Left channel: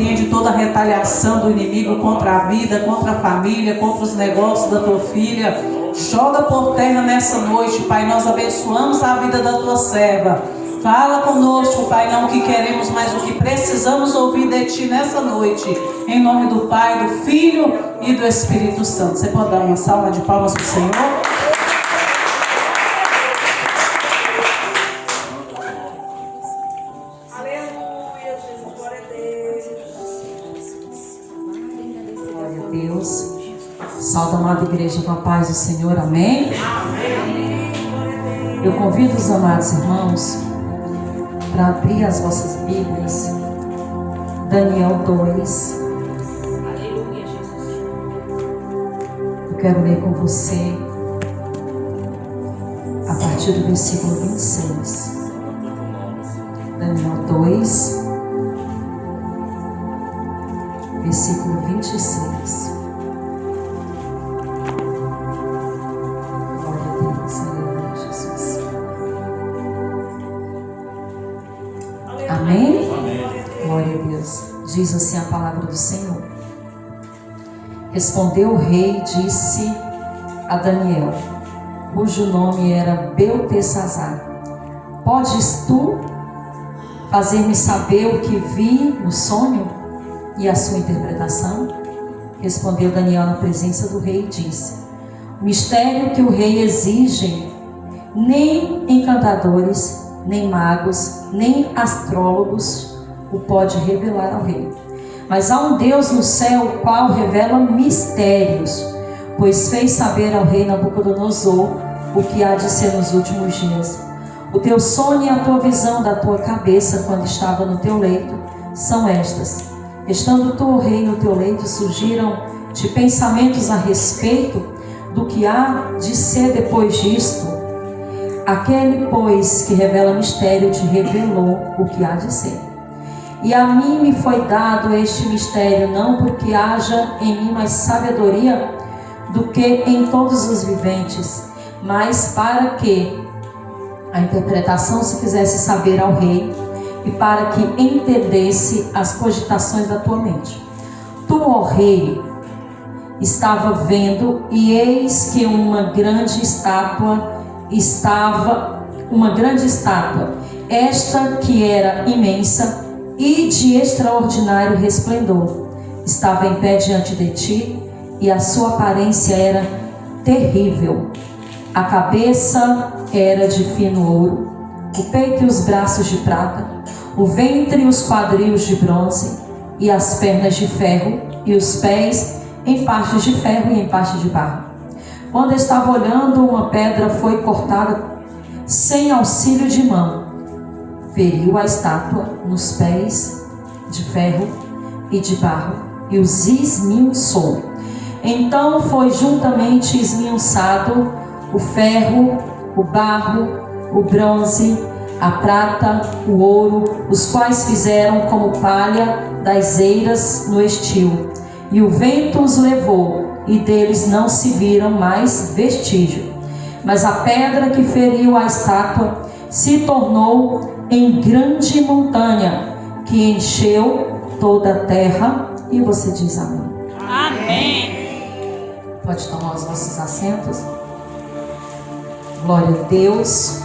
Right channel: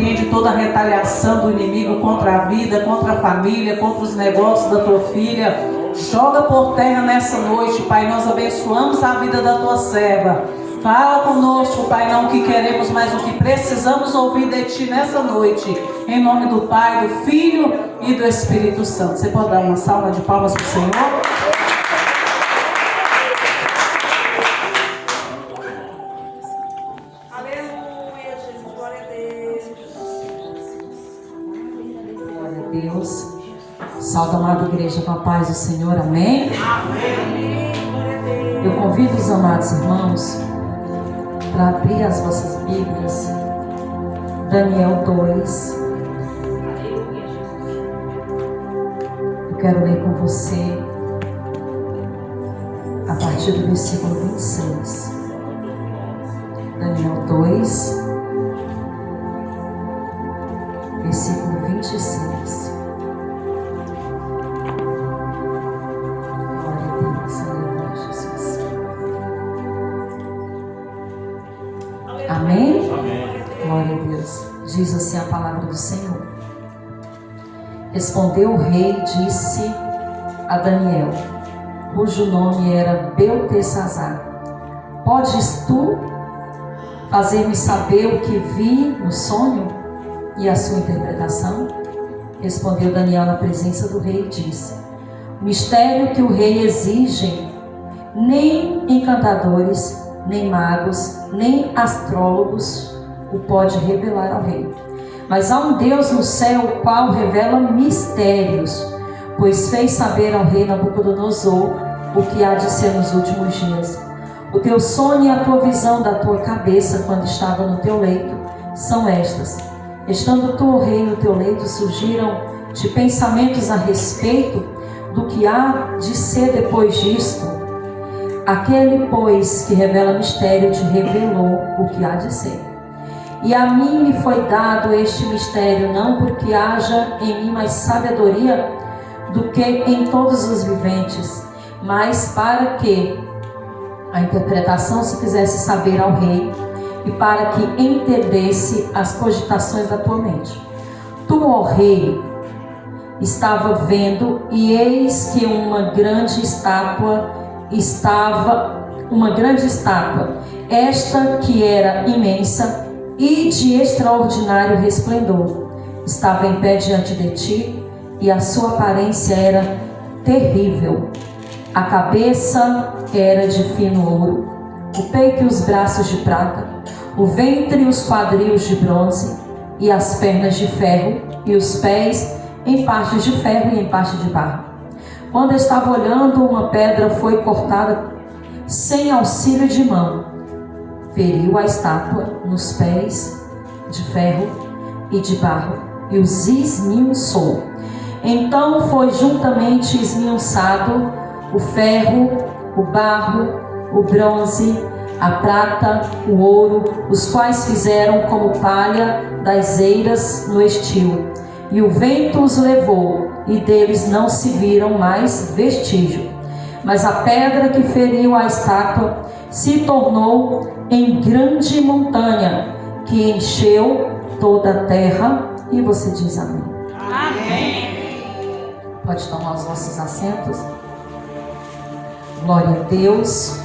repreende toda a retaliação do inimigo contra a vida, contra a família, contra os negócios da tua filha. Joga por terra nessa noite, Pai. Nós abençoamos a vida da tua serva. Fala conosco, Pai, não o que queremos, mas o que precisamos ouvir de Ti nessa noite. Em nome do Pai, do Filho e do Espírito Santo. Você pode dar uma salva de palmas para o Senhor? Aleluia, Jesus, glória a Deus. Glória a Deus. Salve a amada igreja com a paz do Senhor, amém? Amém. Glória a Deus. Eu convido os amados irmãos para abrir as vossas Bíblias. Daniel 2. Aleluia, Jesus. Eu quero ler com você a partir do versículo 26. Daniel 2, versículo 26. Glória a Deus, aleluia, Jesus. Amém? Glória a Deus. Diz assim a palavra do Senhor. Respondeu o rei e disse a Daniel, cujo nome era Beltesazar: podes tu fazer-me saber o que vi no sonho e a sua interpretação? Respondeu Daniel na presença do rei e disse: o mistério que o rei exige, nem encantadores, nem magos, nem astrólogos o pode revelar ao rei. Mas há um Deus no céu, o qual revela mistérios, pois fez saber ao rei Nabucodonosor o que há de ser nos últimos dias. O teu sonho e a tua visão da tua cabeça, quando estava no teu leito, são estas. Estando tu, o rei, no teu leito, surgiram de pensamentos a respeito do que há de ser depois disto. Aquele, pois, que revela mistério, te revelou o que há de ser. E a mim me foi dado este mistério, não porque haja em mim mais sabedoria do que em todos os viventes, mas para que a interpretação se fizesse saber ao rei, e para que entendesse as cogitações da tua mente. Tu, ó rei, estava vendo, e eis que uma grande estátua, esta que era imensa e de extraordinário resplendor, estava em pé diante de ti, e a sua aparência era terrível. A cabeça era de fino ouro, o peito e os braços de prata, o ventre e os quadris de bronze, e as pernas de ferro, e os pés em partes de ferro e em parte de barro. Quando estava olhando, uma pedra foi cortada sem auxílio de mão, feriu a estátua nos pés de ferro e de barro, e os esmiuçou. Então foi juntamente esmiuçado o ferro, o barro, o bronze, a prata, o ouro, os quais fizeram como palha das eiras no estio. E o vento os levou, e deles não se viram mais vestígio. Mas a pedra que feriu a estátua se tornou em grande montanha, que encheu toda a terra. E você diz amém. Amém. Pode tomar os vossos assentos. Glória a Deus.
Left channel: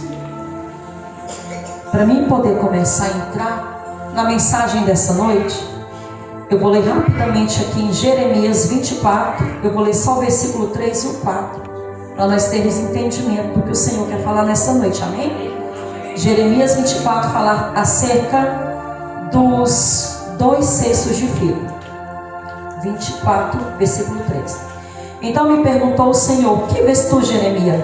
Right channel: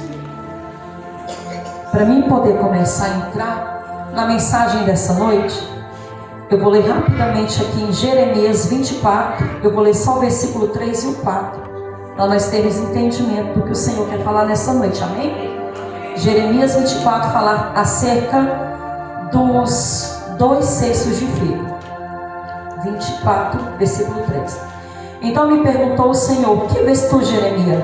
Para mim poder começar a entrar na mensagem dessa noite, eu vou ler rapidamente aqui em Jeremias 24. Eu vou ler só o versículo 3 e o 4, para nós termos entendimento do que o Senhor quer falar nessa noite, amém? Jeremias 24 fala acerca dos 2 cestos de figo. 24, versículo 3. Então me perguntou o Senhor: que vês tu, Jeremias?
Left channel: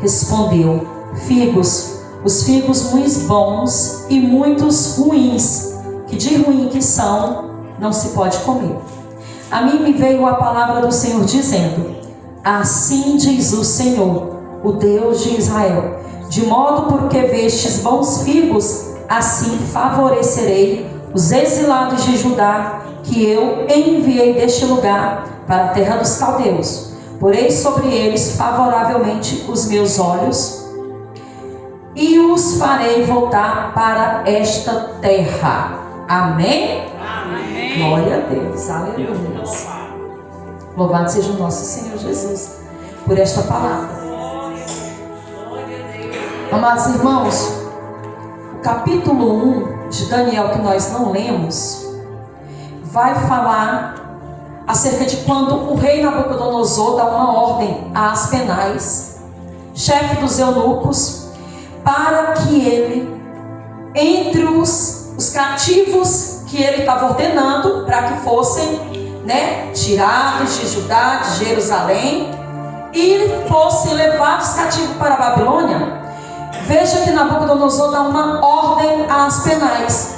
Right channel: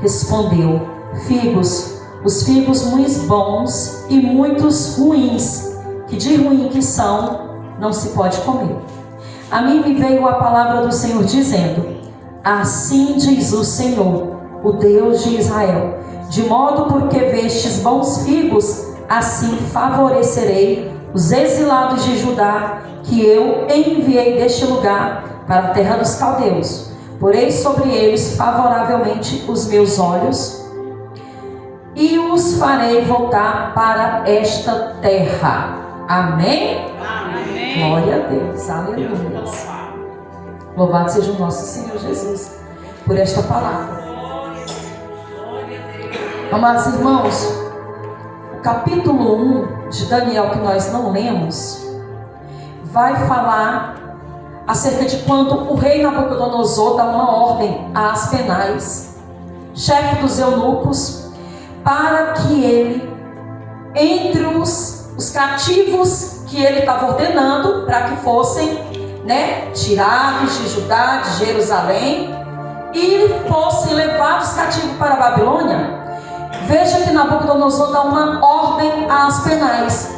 Respondeu: figos, os figos muitos bons e muitos ruins, que de ruim que são, não se pode comer. A mim me veio a palavra do Senhor dizendo: assim diz o Senhor, o Deus de Israel, de modo porque vestes bons figos, assim favorecerei os exilados de Judá, que eu enviei deste lugar para a terra dos caldeus. Porei sobre eles favoravelmente os meus olhos, e os farei voltar para esta terra. Amém? Amém. Glória a Deus, aleluia. Louvado seja o nosso Senhor Jesus por esta palavra. Amados irmãos, o capítulo 1 de Daniel, que nós não lemos, vai falar acerca de quando o rei Nabucodonosor dá uma ordem a Aspenaz, chefe dos eunucos, para que ele, entre os cativos que ele estava ordenando para que fossem tirados de Judá, de Jerusalém, e fossem levados cativos para a Babilônia, veja que Nabucodonosor dá uma ordem a Aspenaz,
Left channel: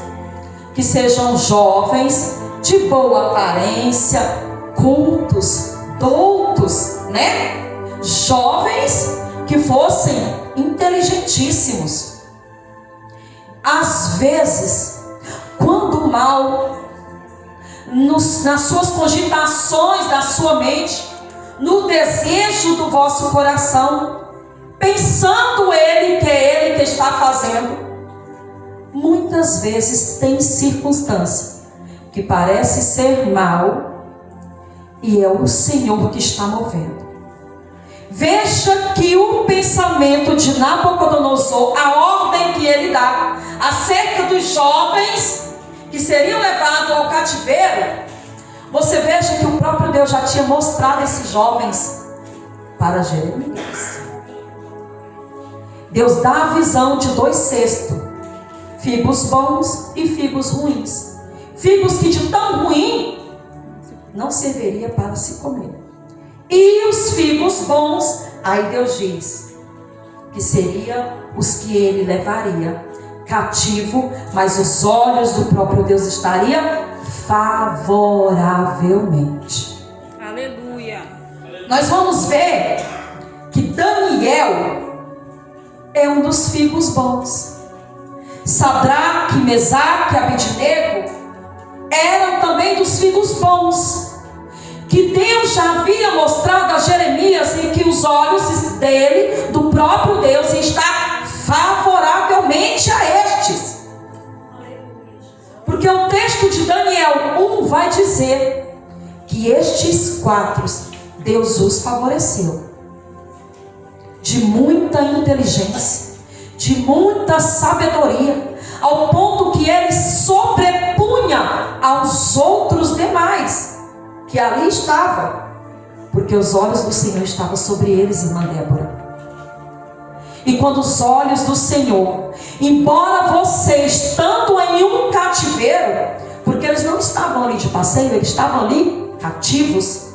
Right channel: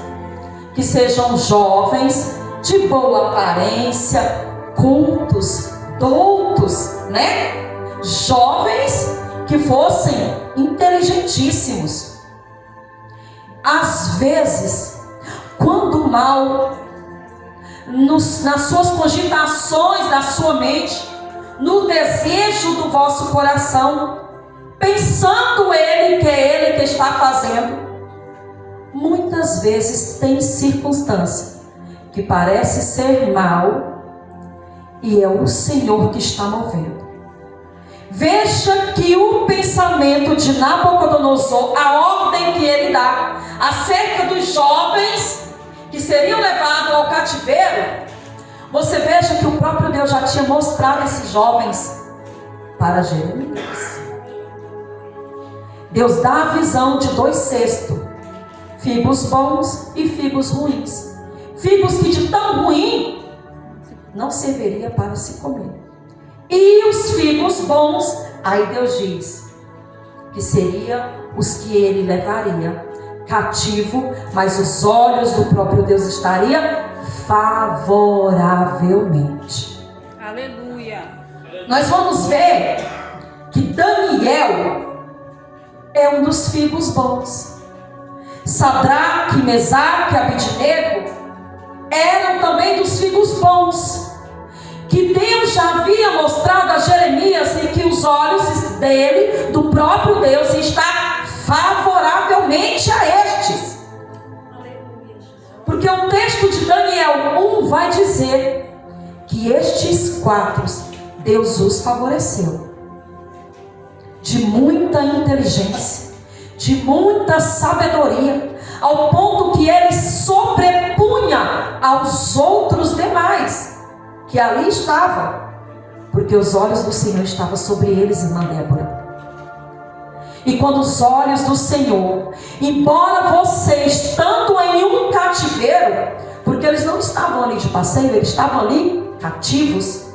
que sejam jovens, de boa aparência, cultos, doutos, jovens que fossem inteligentíssimos. Às vezes, quando o mal, nas suas cogitações da sua mente, no desejo do vosso coração, pensando ele que é ele que está fazendo, muitas vezes tem circunstância que parece ser mal e é o Senhor que está movendo. Veja que o pensamento de Nabucodonosor, a ordem que ele dá acerca dos jovens que seriam levados ao cativeiro, você veja que o próprio Deus já tinha mostrado esses jovens para Jeremias. Deus dá a visão de 2 cestos, figos bons e figos ruins. Figos que de tão ruim não serviria para se comer. E os figos bons, aí Deus diz que seriam os que ele levaria cativo, mas os olhos do próprio Deus estariam favoravelmente. Aleluia. Nós vamos ver que Daniel é um dos figos bons. Sadraque, Mesaque e Abednego eram também dos figos bons, que Deus já havia mostrado a Jeremias em que os olhos dele, do próprio Deus, está favoravelmente a estes. Porque o texto de Daniel 1 vai dizer que estes 4 Deus os favoreceu, de muita inteligência, de muita sabedoria, ao ponto que ele sobrepunha aos outros demais que ali estavam, porque os olhos do Senhor estavam sobre eles, irmã Débora. E quando os olhos do Senhor, embora você estando em um cativeiro, porque eles não estavam ali de passeio, eles estavam ali cativos,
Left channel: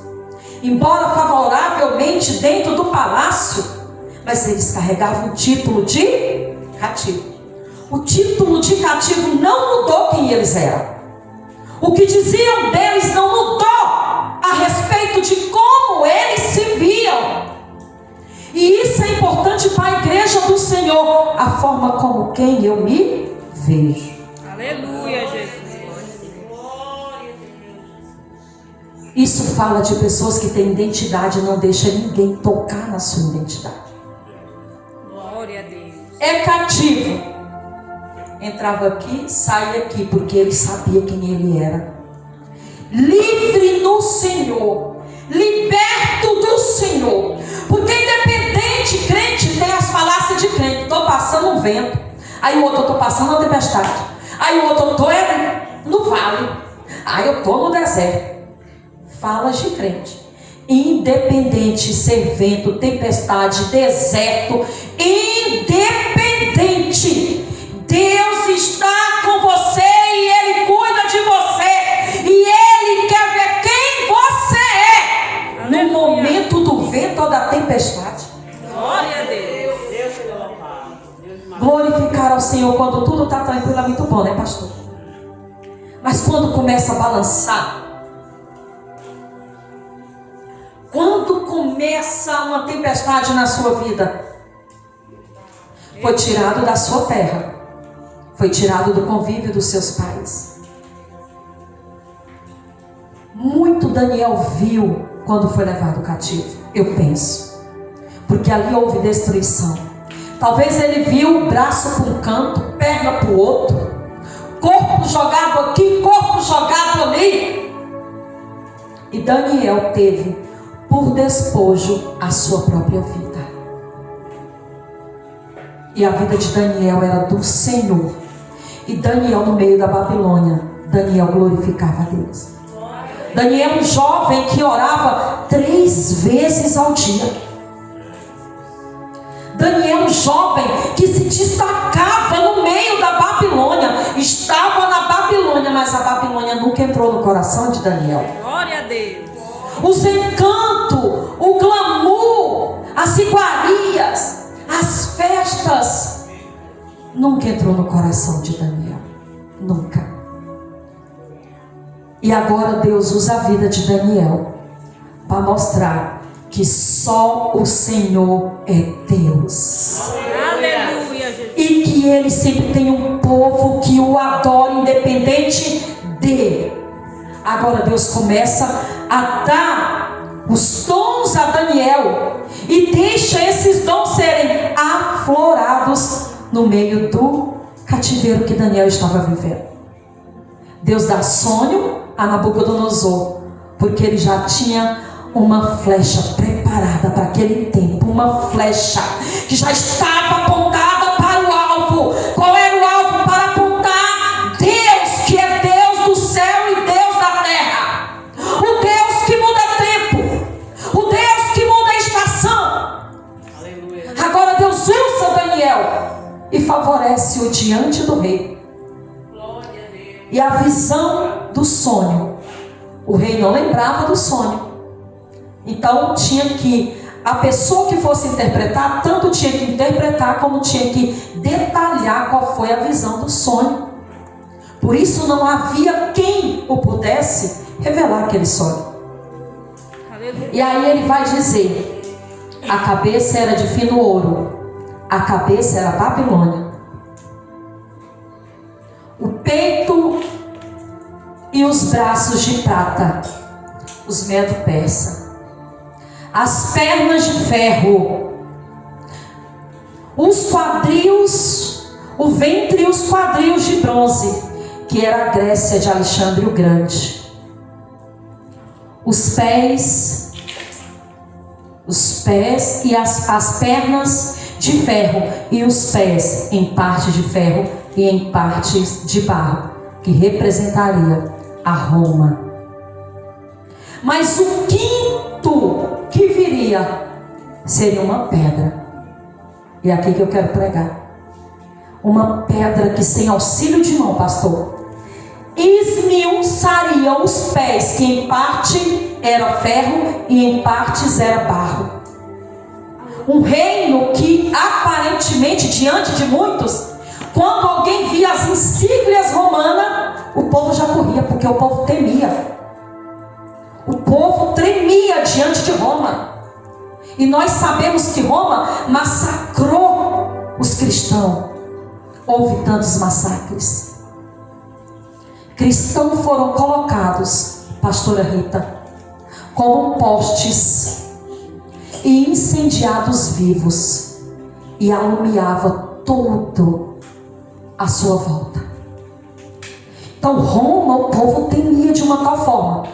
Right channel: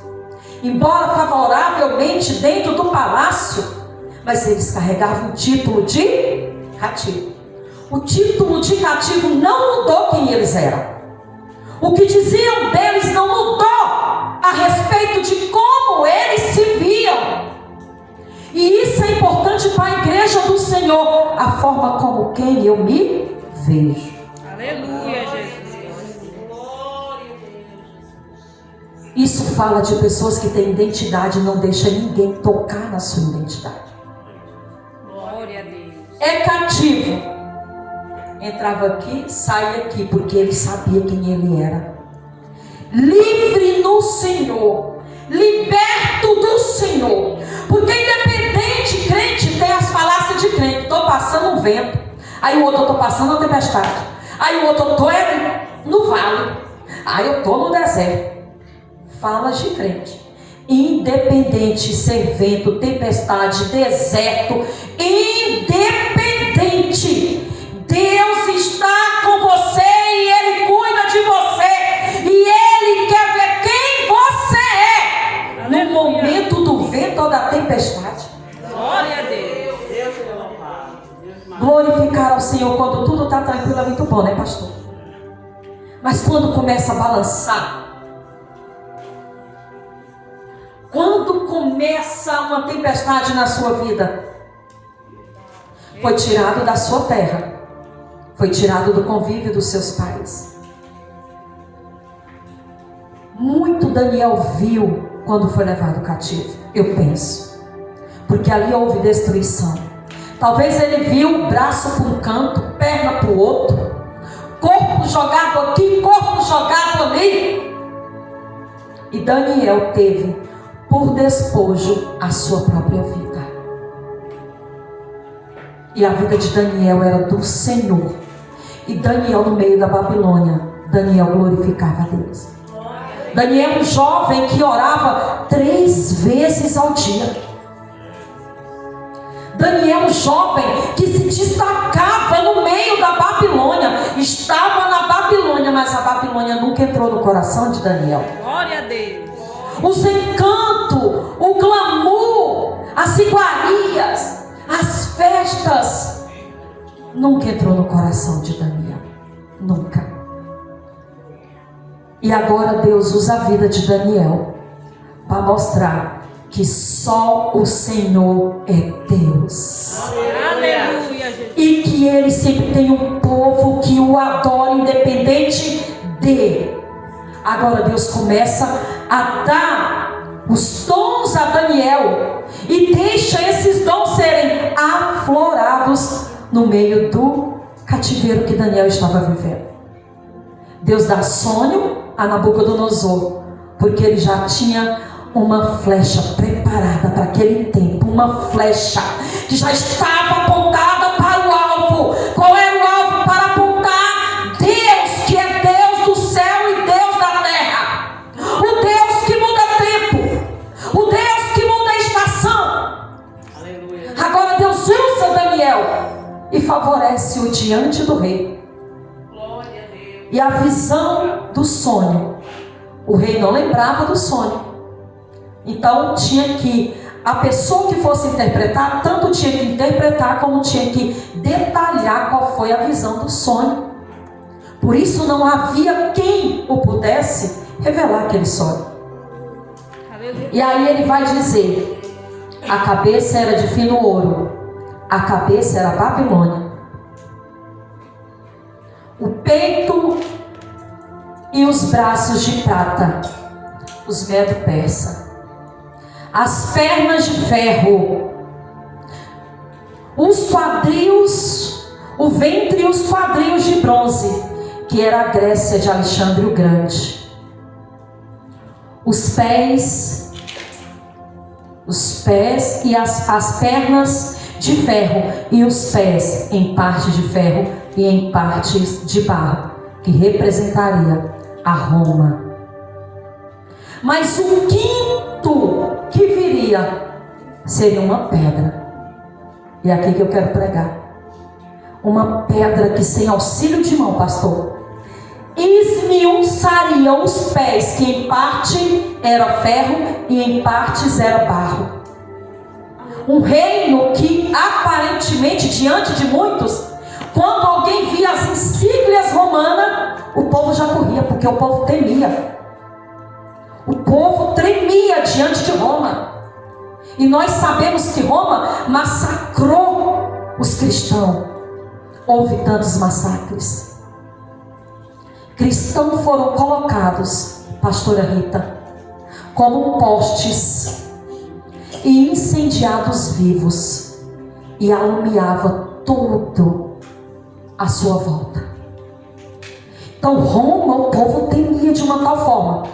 embora favoravelmente dentro do palácio, mas eles carregavam o título de cativo. O título de cativo não mudou quem eles eram. O que diziam deles não mudou a respeito de como eles se viam. E isso é importante para a igreja do Senhor, a forma como quem eu me vejo. Aleluia, Jesus. Isso fala de pessoas que têm identidade e não deixa ninguém tocar na sua identidade. Glória a Deus. É cativo. Entrava aqui, saía aqui, porque ele sabia quem ele era. Livre no Senhor, liberto do Senhor. Porque independente, crente tem as falácias de crente. Estou passando um vento, aí o outro, estou passando uma tempestade, aí o outro, estou no vale, aí eu estou no deserto. Falas de crente. Independente ser vento, tempestade, deserto, independente, Deus está com você e Ele cuida de você, e Ele quer ver quem você é. Aleluia. No momento do vento ou da tempestade. Glória a Deus. Glorificar ao Senhor quando tudo está tranquilo é muito bom, né, pastor? Mas quando começa a balançar, quando começa uma tempestade na sua vida, foi tirado da sua terra, foi tirado do convívio dos seus pais. Muito Daniel viu quando foi levado cativo, eu penso, porque ali houve destruição. Talvez ele viu o braço para um canto, perna para o outro, corpo jogado aqui, corpo jogado ali. E Daniel teve por despojo a sua própria vida. E a vida de Daniel era do Senhor. E Daniel, no meio da Babilônia, Daniel glorificava a Deus. Daniel, um jovem que orava 3 vezes ao dia. Daniel, um jovem que se destacava no meio da Babilônia. Estava na Babilônia, mas a Babilônia nunca entrou no coração de Daniel. Glória a Deus. Os encantos, o glamour, as iguarias, as festas, nunca entrou no coração de Daniel. Nunca. E agora Deus usa a vida de Daniel para mostrar que só o Senhor é Deus. Aleluia, Jesus. E que Ele sempre tem um povo que o adora, independente de. Agora Deus começa a dar os dons a Daniel e deixa esses dons serem aflorados no meio do cativeiro que Daniel estava vivendo. Deus dá sonho a Nabucodonosor, porque ele já tinha uma flecha preparada para aquele tempo, uma flecha que já estava apontada para o alvo. Qual era o alvo? Para apontar Deus, que é Deus do céu e Deus da terra, o Deus que muda tempo, o Deus que muda a estação. Aleluia. Agora Deus usa Daniel e favorece-o diante do rei. Glória a Deus. E a visão do sonho, o rei não lembrava do sonho. Então tinha que, a pessoa que fosse interpretar, tanto tinha que interpretar como tinha que detalhar qual foi a visão do sonho. Por isso não havia quem o pudesse revelar aquele sonho. Aleluia. E aí ele vai dizer: a cabeça era de fino ouro, a cabeça era Babilônia, o peito e os braços de prata, os Medo-Persa, as pernas de ferro, os quadris, o ventre e os quadris de bronze, que era a Grécia de Alexandre o Grande, os pés e as pernas de ferro, e os pés em parte de ferro e em partes de barro, que representaria a Roma. Mas o quinto que viria seria uma pedra. E é aqui que eu quero pregar. Uma pedra que, sem auxílio de mão, pastor, esmiuçaria os pés, que em parte era ferro e em partes era barro. Um reino que aparentemente, diante de muitos, quando alguém via as insígnias romanas, o povo já corria, porque o povo temia. O povo tremia diante de Roma. E nós sabemos que Roma massacrou os cristãos. Houve tantos massacres. Cristãos foram colocados, pastora Rita, como postes e incendiados vivos, e alumiava todo a sua volta. Então Roma, o povo temia de uma tal forma.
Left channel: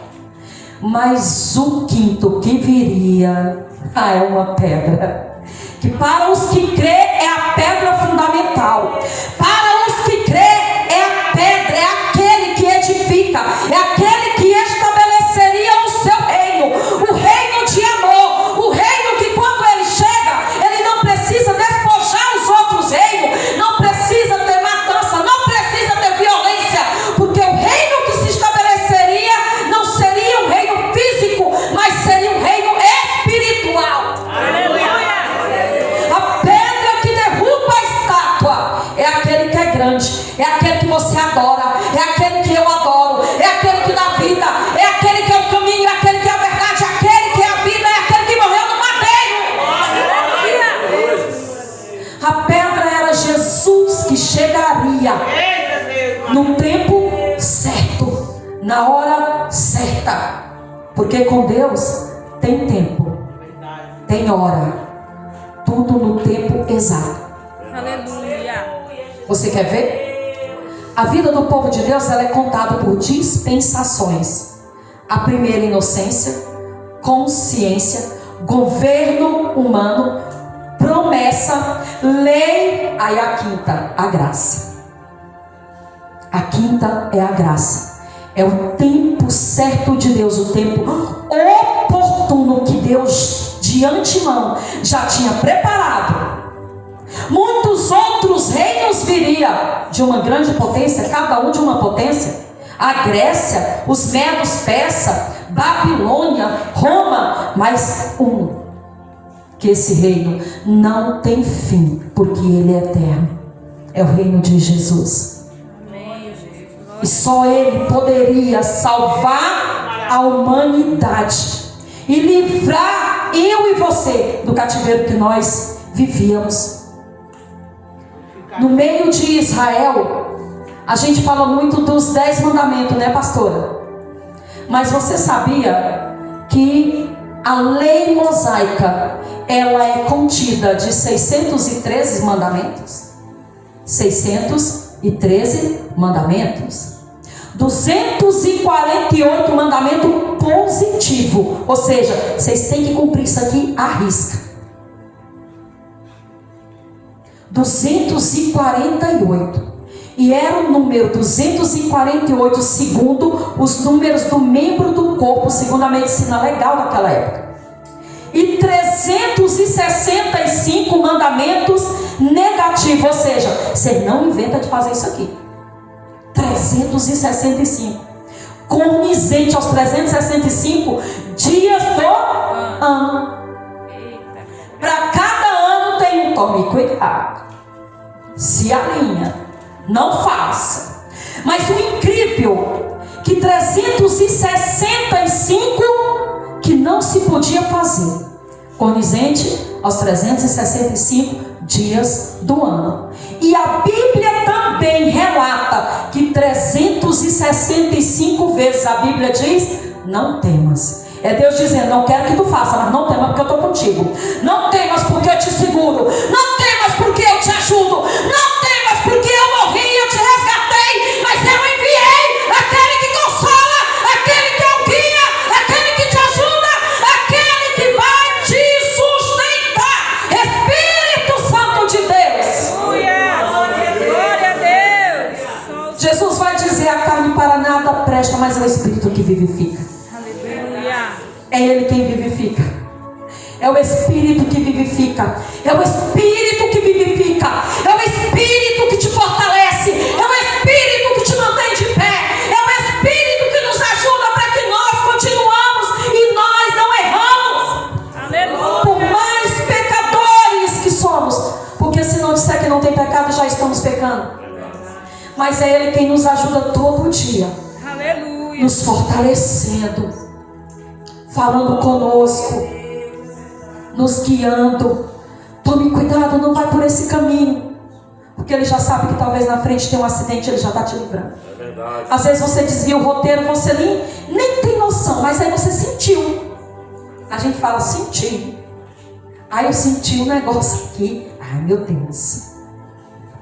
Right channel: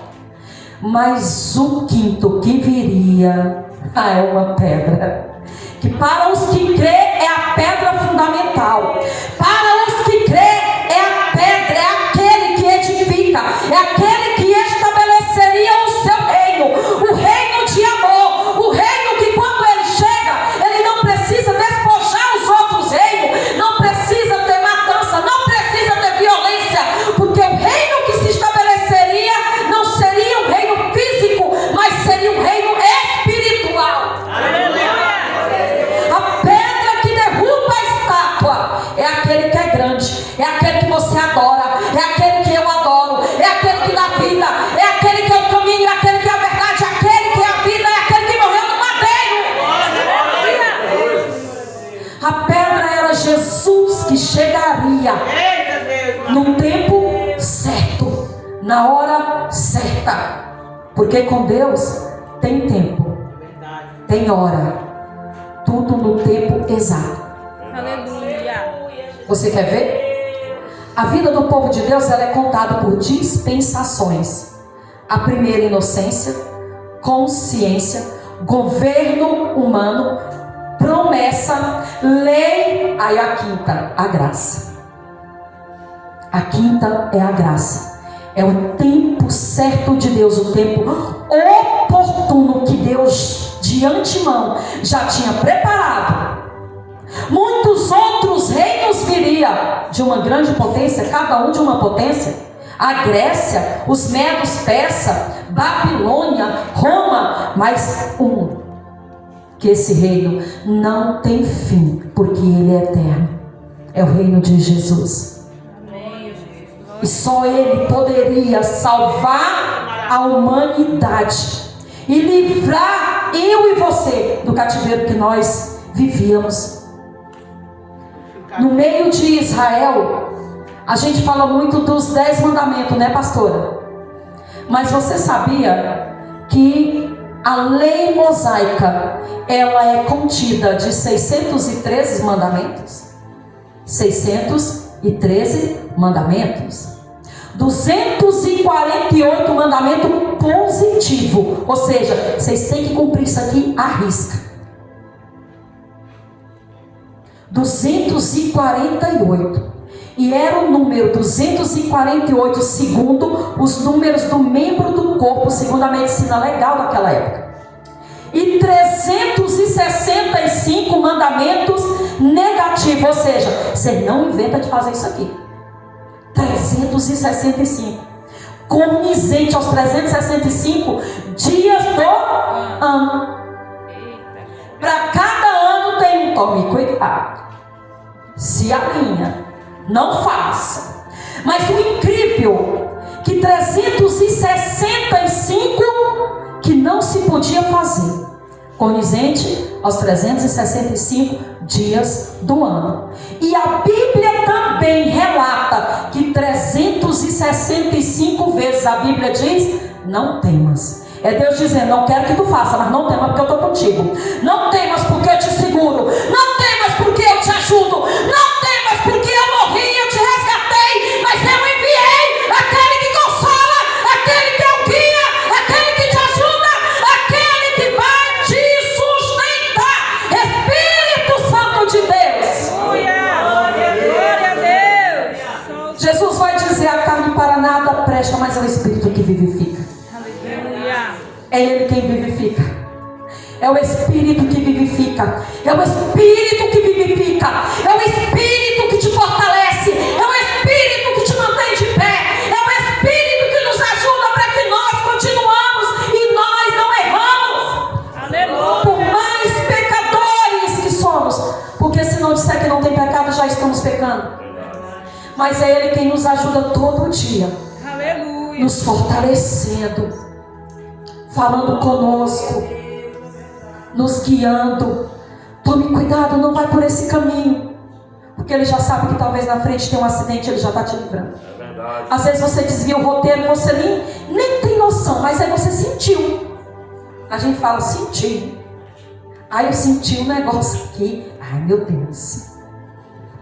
Mas o quinto que viria é uma pedra, que para os que crê é a pedra fundamental. Para os que crê é a pedra, é aquele que edifica, é aquele que estabeleceria o seu reino, o reino de amor, o reino que quando ele chega, ele não precisa despojar os outros reinos, não precisa ter matança, não precisa ter violência, porque o reino que se estabeleceria não seria um reino físico, mas seria um reino espiritual. A pedra que derruba a estátua é aquele que é grande, é aquele que você adora, é aquele que eu adoro, é aquele que dá vida, é aquele que é o caminho, é aquele que é a verdade, é aquele que é a vida, é aquele que morreu no madeiro. A pedra era Jesus, que chegaria no tempo certo, na hora certa, porque com Deus tem tempo, tem hora, tudo no tempo exato. Aleluia. Você quer ver? A vida do povo de Deus, ela é contada por dispensações. A primeira, inocência, consciência, governo humano, promessa, lei. Aí a quinta, a graça. A quinta é a graça. É o tempo certo de Deus, o tempo oportuno que Deus de antemão já tinha preparado. Muitos outros reinos viriam de uma grande potência, cada um de uma potência. A Grécia, os Medos Persa, Babilônia, Roma, mas que esse reino não tem fim, porque ele é eterno. É o reino de Jesus. Amém. E só ele poderia salvar a humanidade e livrar eu e você do cativeiro que nós vivíamos. No meio de Israel, a gente fala muito dos 10 mandamentos, né, pastora? Mas você sabia que a lei mosaica, ela é contida de 613 mandamentos? 613 mandamentos. 248 mandamentos positivos. Ou seja, vocês têm que cumprir isso aqui à risca. 248. E era o número 248 segundo os números do membro do corpo, segundo a medicina legal daquela época. E 365 mandamentos negativos. Ou seja, você não inventa de fazer isso aqui. 365. Condizente aos 365 dias do ano. Para cada ano tem um. Tome cuidado. Se alinha. Não faça. Mas o incrível, que 365 que não se podia fazer, condizente aos 365 dias do ano. E a Bíblia também relata que 365 vezes a Bíblia diz: não temas. É Deus dizendo: não quero que tu faça, mas não temas porque eu estou contigo. Não temas porque eu te seguro. Não temas porque eu te ajudo. Não temas porque eu morri, eu te resgatei. Mas eu enviei aquele que consola, aquele que guia, aquele que te ajuda, aquele que vai te sustentar. Espírito Santo de Deus. Glória a Deus. Jesus vai dizer: a carne para nada presta, mas é o Espírito que vivifica. Aleluia. É Ele quem vivifica. É o Espírito que vivifica. É o Espírito que vivifica. É o Espírito que te fortalece. É o Espírito que te mantém de pé. É o Espírito que nos ajuda para que nós continuamos e nós não erramos. Aleluia. Por mais pecadores que somos. Porque se não disser que não tem pecado, já estamos pecando. Mas é Ele quem nos ajuda todo dia. Aleluia. Nos fortalecendo, falando conosco, nos guiando. Tome cuidado, não vai por esse caminho, porque Ele já sabe que talvez na frente tem um acidente, Ele já está te livrando. É verdade. Às vezes você desvia o roteiro, você nem tem noção, mas aí você sentiu. A gente fala: senti. Aí eu senti um negócio aqui. Ai, meu Deus,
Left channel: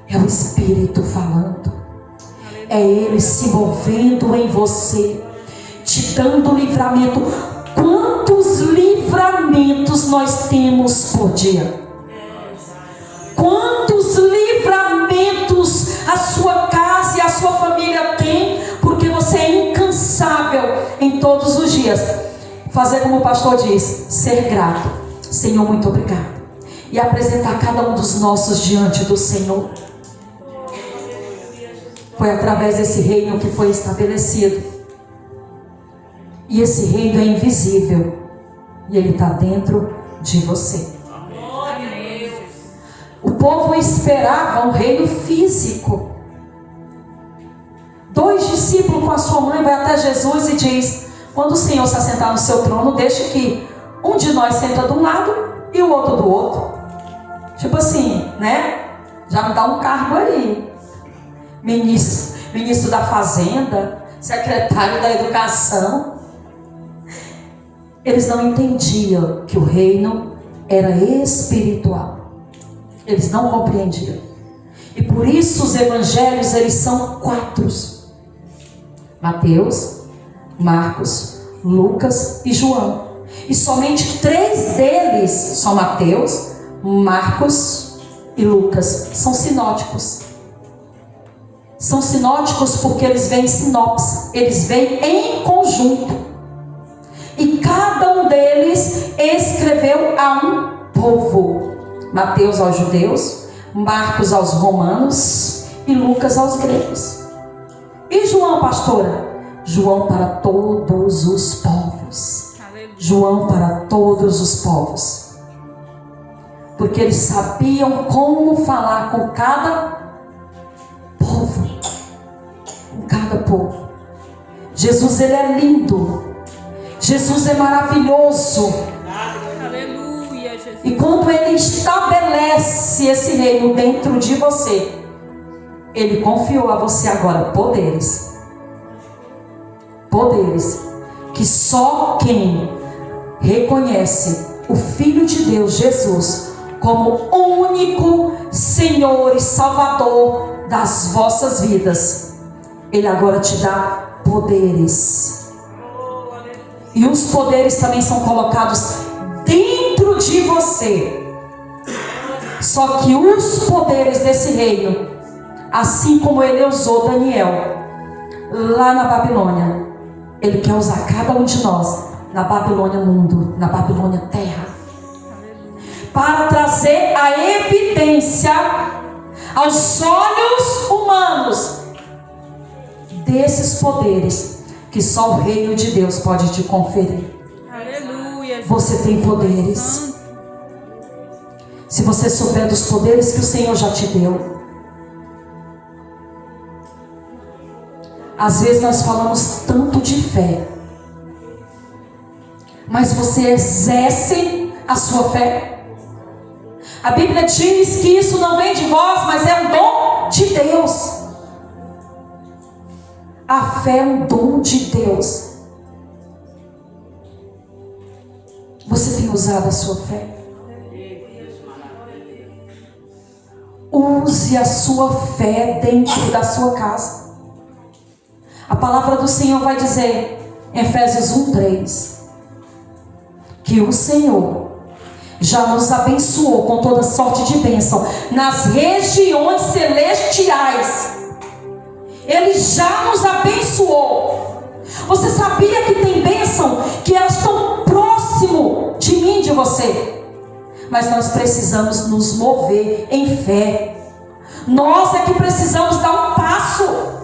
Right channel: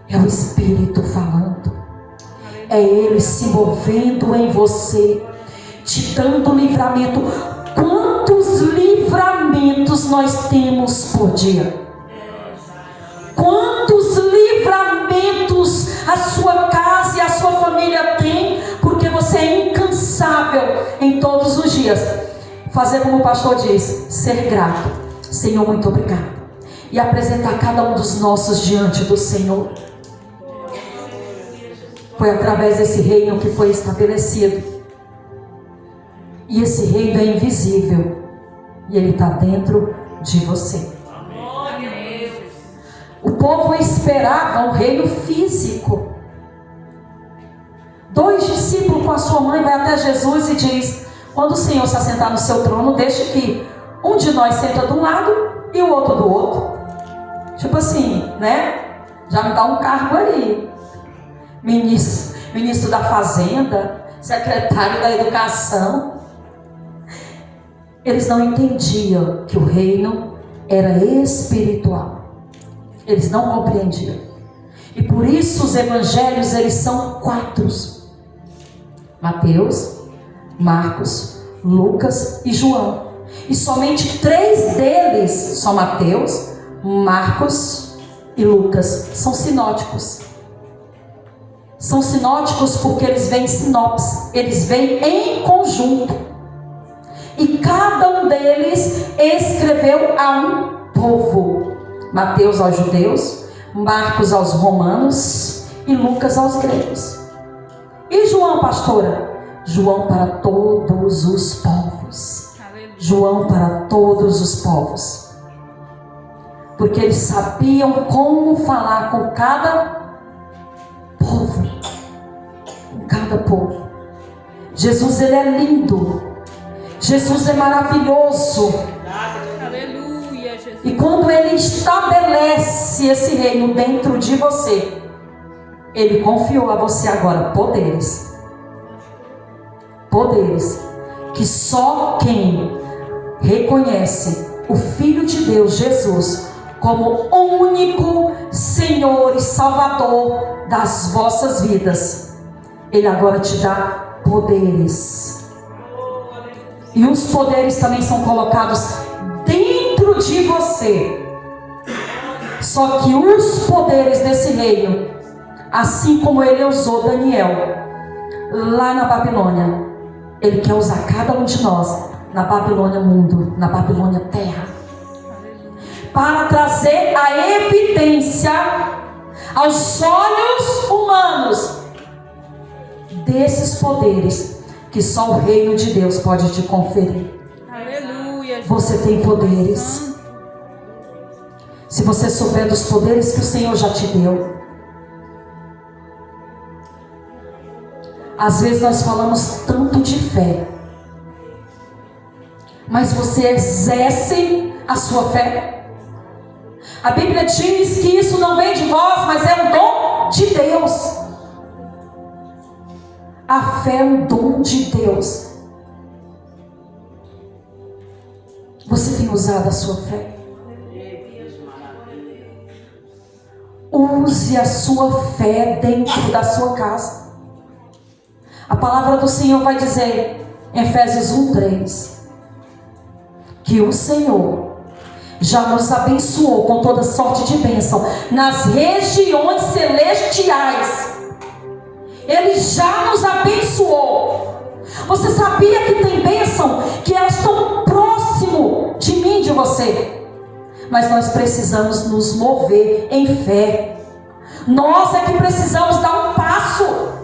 é o Espírito falando. É Ele se movendo em você, te dando livramento. Quantos livramentos nós temos por dia? Quantos livramentos a sua casa e a sua família tem? Porque você é incansável em todos os dias. Fazer como o pastor diz: ser grato. Senhor, muito obrigado. E apresentar cada um dos nossos diante do Senhor. Foi através desse reino que foi estabelecido. E esse reino é invisível. E ele está dentro de você. Amém. O povo esperava um reino físico. 2 discípulos com a sua mãe vai até Jesus e diz: quando o Senhor se assentar no seu trono, deixa que um de nós senta de um lado e o outro do outro. Tipo assim, né? Já me dá um cargo aí. Ministro da Fazenda, secretário da Educação. Eles não entendiam que o reino era espiritual. Eles não compreendiam. E por isso os evangelhos, eles são 4. Mateus, Marcos, Lucas e João. E somente 3 deles são Mateus, Marcos e Lucas. São sinóticos. São sinóticos porque eles vêm em sinopse, eles vêm em conjunto. E cada um deles escreveu a um povo. Mateus aos judeus, Marcos aos romanos e Lucas aos gregos. E João, pastora? João para todos os povos. João para todos os povos. Porque eles sabiam como falar com cada povo. Com cada povo. Jesus, ele é lindo. Jesus é maravilhoso. Aleluia, Jesus. E quando ele estabelece esse reino dentro de você, ele confiou a você agora poderes. Poderes que só quem reconhece o Filho de Deus, Jesus, como único Senhor e Salvador das vossas vidas, ele agora te dá poderes. E os poderes também são colocados dentro de você. Só que os poderes desse reino, assim como ele usou Daniel lá na Babilônia, ele quer usar cada um de nós na Babilônia mundo, na Babilônia terra, para trazer a evidência aos olhos humanos desses poderes que só o reino de Deus pode te conferir. Aleluia. Você tem poderes. Se você souber dos poderes que o Senhor já te deu. Às vezes nós falamos tanto de fé, mas você exerce a sua fé? A Bíblia diz que isso não vem de vós, mas é um dom de Deus. A fé é um dom de Deus. Você tem usado a sua fé? Use a sua fé dentro da sua casa. A palavra do Senhor vai dizer em Efésios 1:3 que o Senhor já nos abençoou com toda sorte de bênção nas regiões celestiais. Ele já nos abençoou. Você sabia que tem bênção que elas estão próximo de mim, de você? Mas nós precisamos nos mover em fé. Nós é que precisamos dar um passo.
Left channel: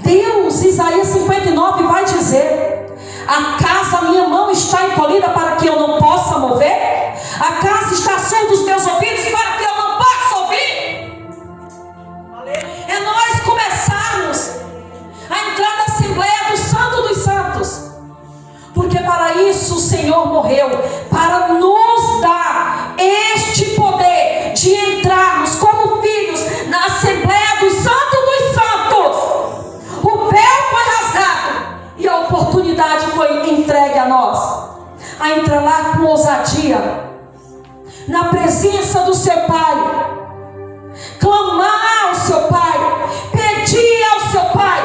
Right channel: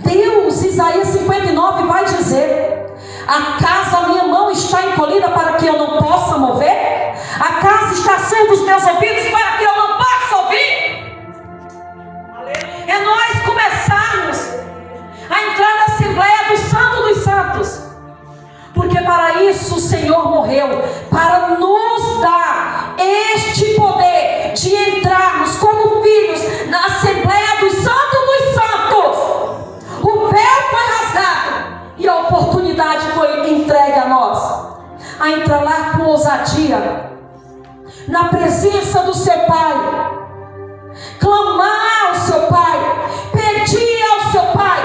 Deus, Isaías 59 vai dizer: acaso a minha mão está encolhida para que eu não possa mover? Acaso está surdo os meus ouvidos para que eu não possa ouvir? É nós começarmos a entrar na Assembleia do Santo dos Santos, porque para isso o Senhor morreu, para nos dar este poder de entrarmos como filhos na Assembleia do Santo dos Santos. O véu foi rasgado e a oportunidade foi entregue a nós, a entrar lá com ousadia na presença do seu Pai, clamar ao seu Pai, pedir ao seu Pai,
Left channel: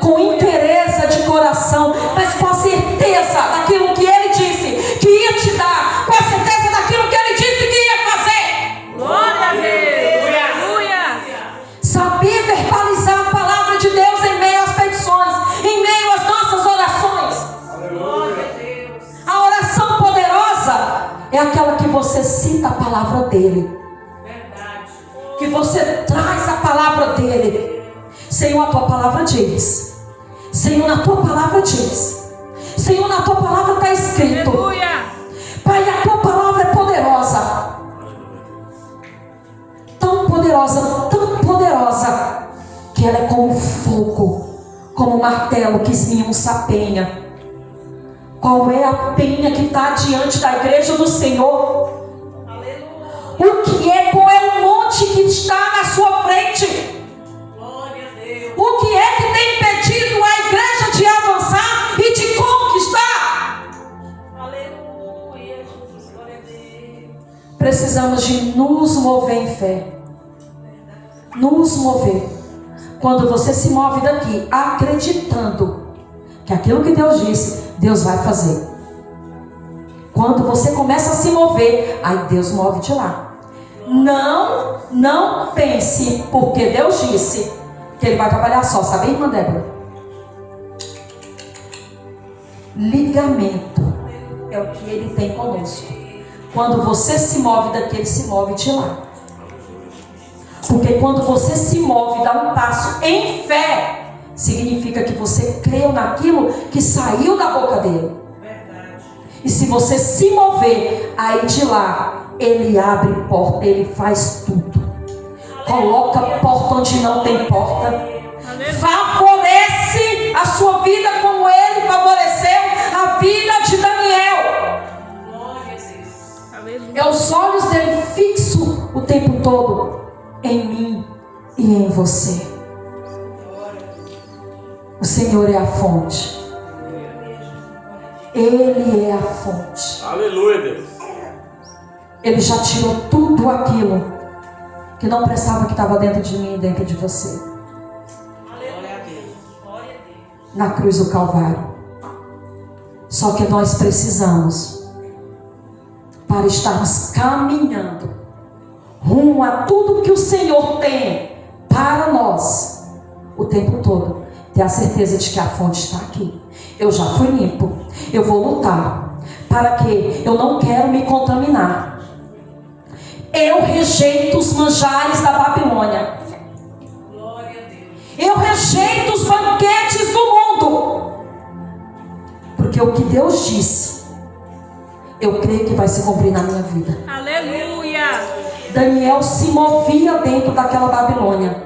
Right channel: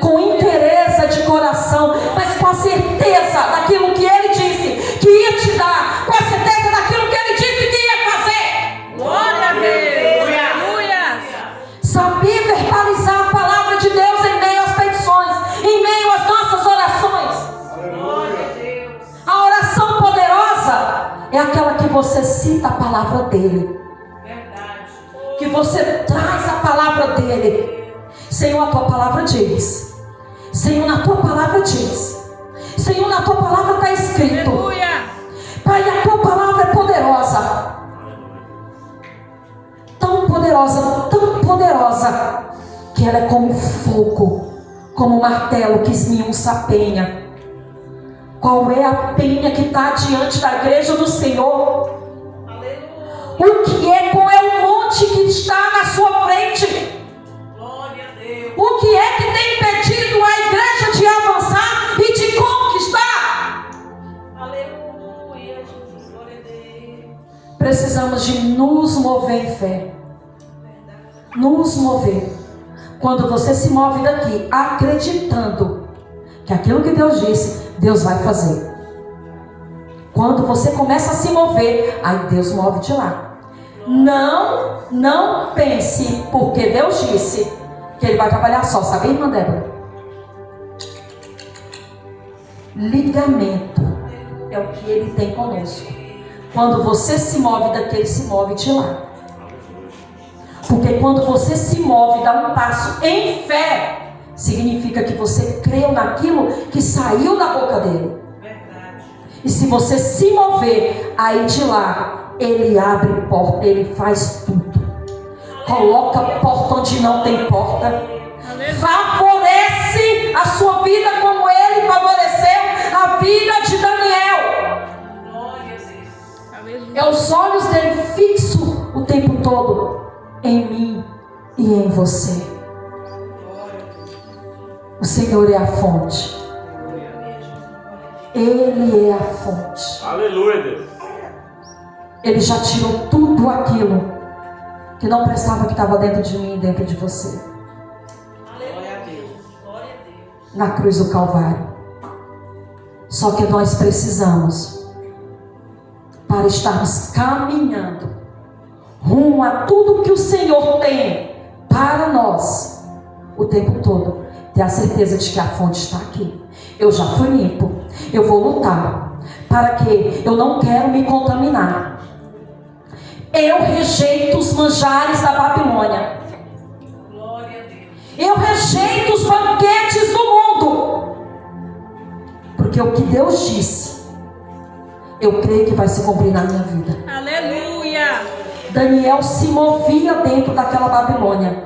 com interesse de coração, mas com a certeza daquilo que Ele disse que ia te dar, com a certeza daquilo que Ele disse que ia fazer. Glória a Deus. Aleluia. Saber verbalizar a palavra de Deus em meio às petições, em meio às nossas orações. Glória a Deus. A oração poderosa é aquela que você cita a palavra dEle, Verdade. que você traz a palavra dEle. Senhor, a tua palavra diz. Senhor, na tua palavra diz. Senhor, na tua palavra está escrito. Aleluia. Pai, a tua palavra é poderosa. Tão poderosa, que ela é como fogo, como martelo que esmiuça a penha. Qual é a penha que está diante da igreja do Senhor? O que é? Qual é o monte que está na sua frente? Glória a Deus. O que é que tem impedido a igreja de avançar e de conquistar? Aleluia, Jesus. Glória a Deus. Precisamos de nos mover em fé. Nos mover. Quando você se move daqui acreditando que aquilo que Deus disse, Deus vai fazer. Quando você começa a se mover, aí Deus move de lá. Não pense, porque Deus disse que Ele vai trabalhar só. Sabe, irmã Débora? Ligamento é o que Ele tem conosco. Quando você se move daqui, Ele se move de lá. Porque quando você se move, dá um passo em fé, significa que você creu naquilo que saiu da boca dele. Verdade. E se você se mover, aí de lá, Ele abre porta, Ele faz tudo. Coloca porta onde não tem porta. Favorece a sua vida como Ele favoreceu a vida de Daniel. Glória a Deus. É os olhos dele fixos o tempo todo em mim e em você. O Senhor é a fonte. Ele é a fonte. Aleluia, Deus. Ele já tirou tudo aquilo que não prestava, que estava dentro de mim e dentro de você. Glória a Deus. Glória a Deus. Na cruz do Calvário. Só que nós precisamos, para estarmos caminhando rumo a tudo que o Senhor tem para nós o tempo todo, ter a certeza de que a fonte está aqui. Eu já fui limpo. Eu vou lutar. Para que eu não quero me contaminar. Eu rejeito os manjares da Babilônia. Glória a Deus. Eu rejeito os banquetes do mundo. Porque o que Deus disse, eu creio que vai se cumprir na minha vida. Aleluia. Daniel se movia dentro daquela Babilônia.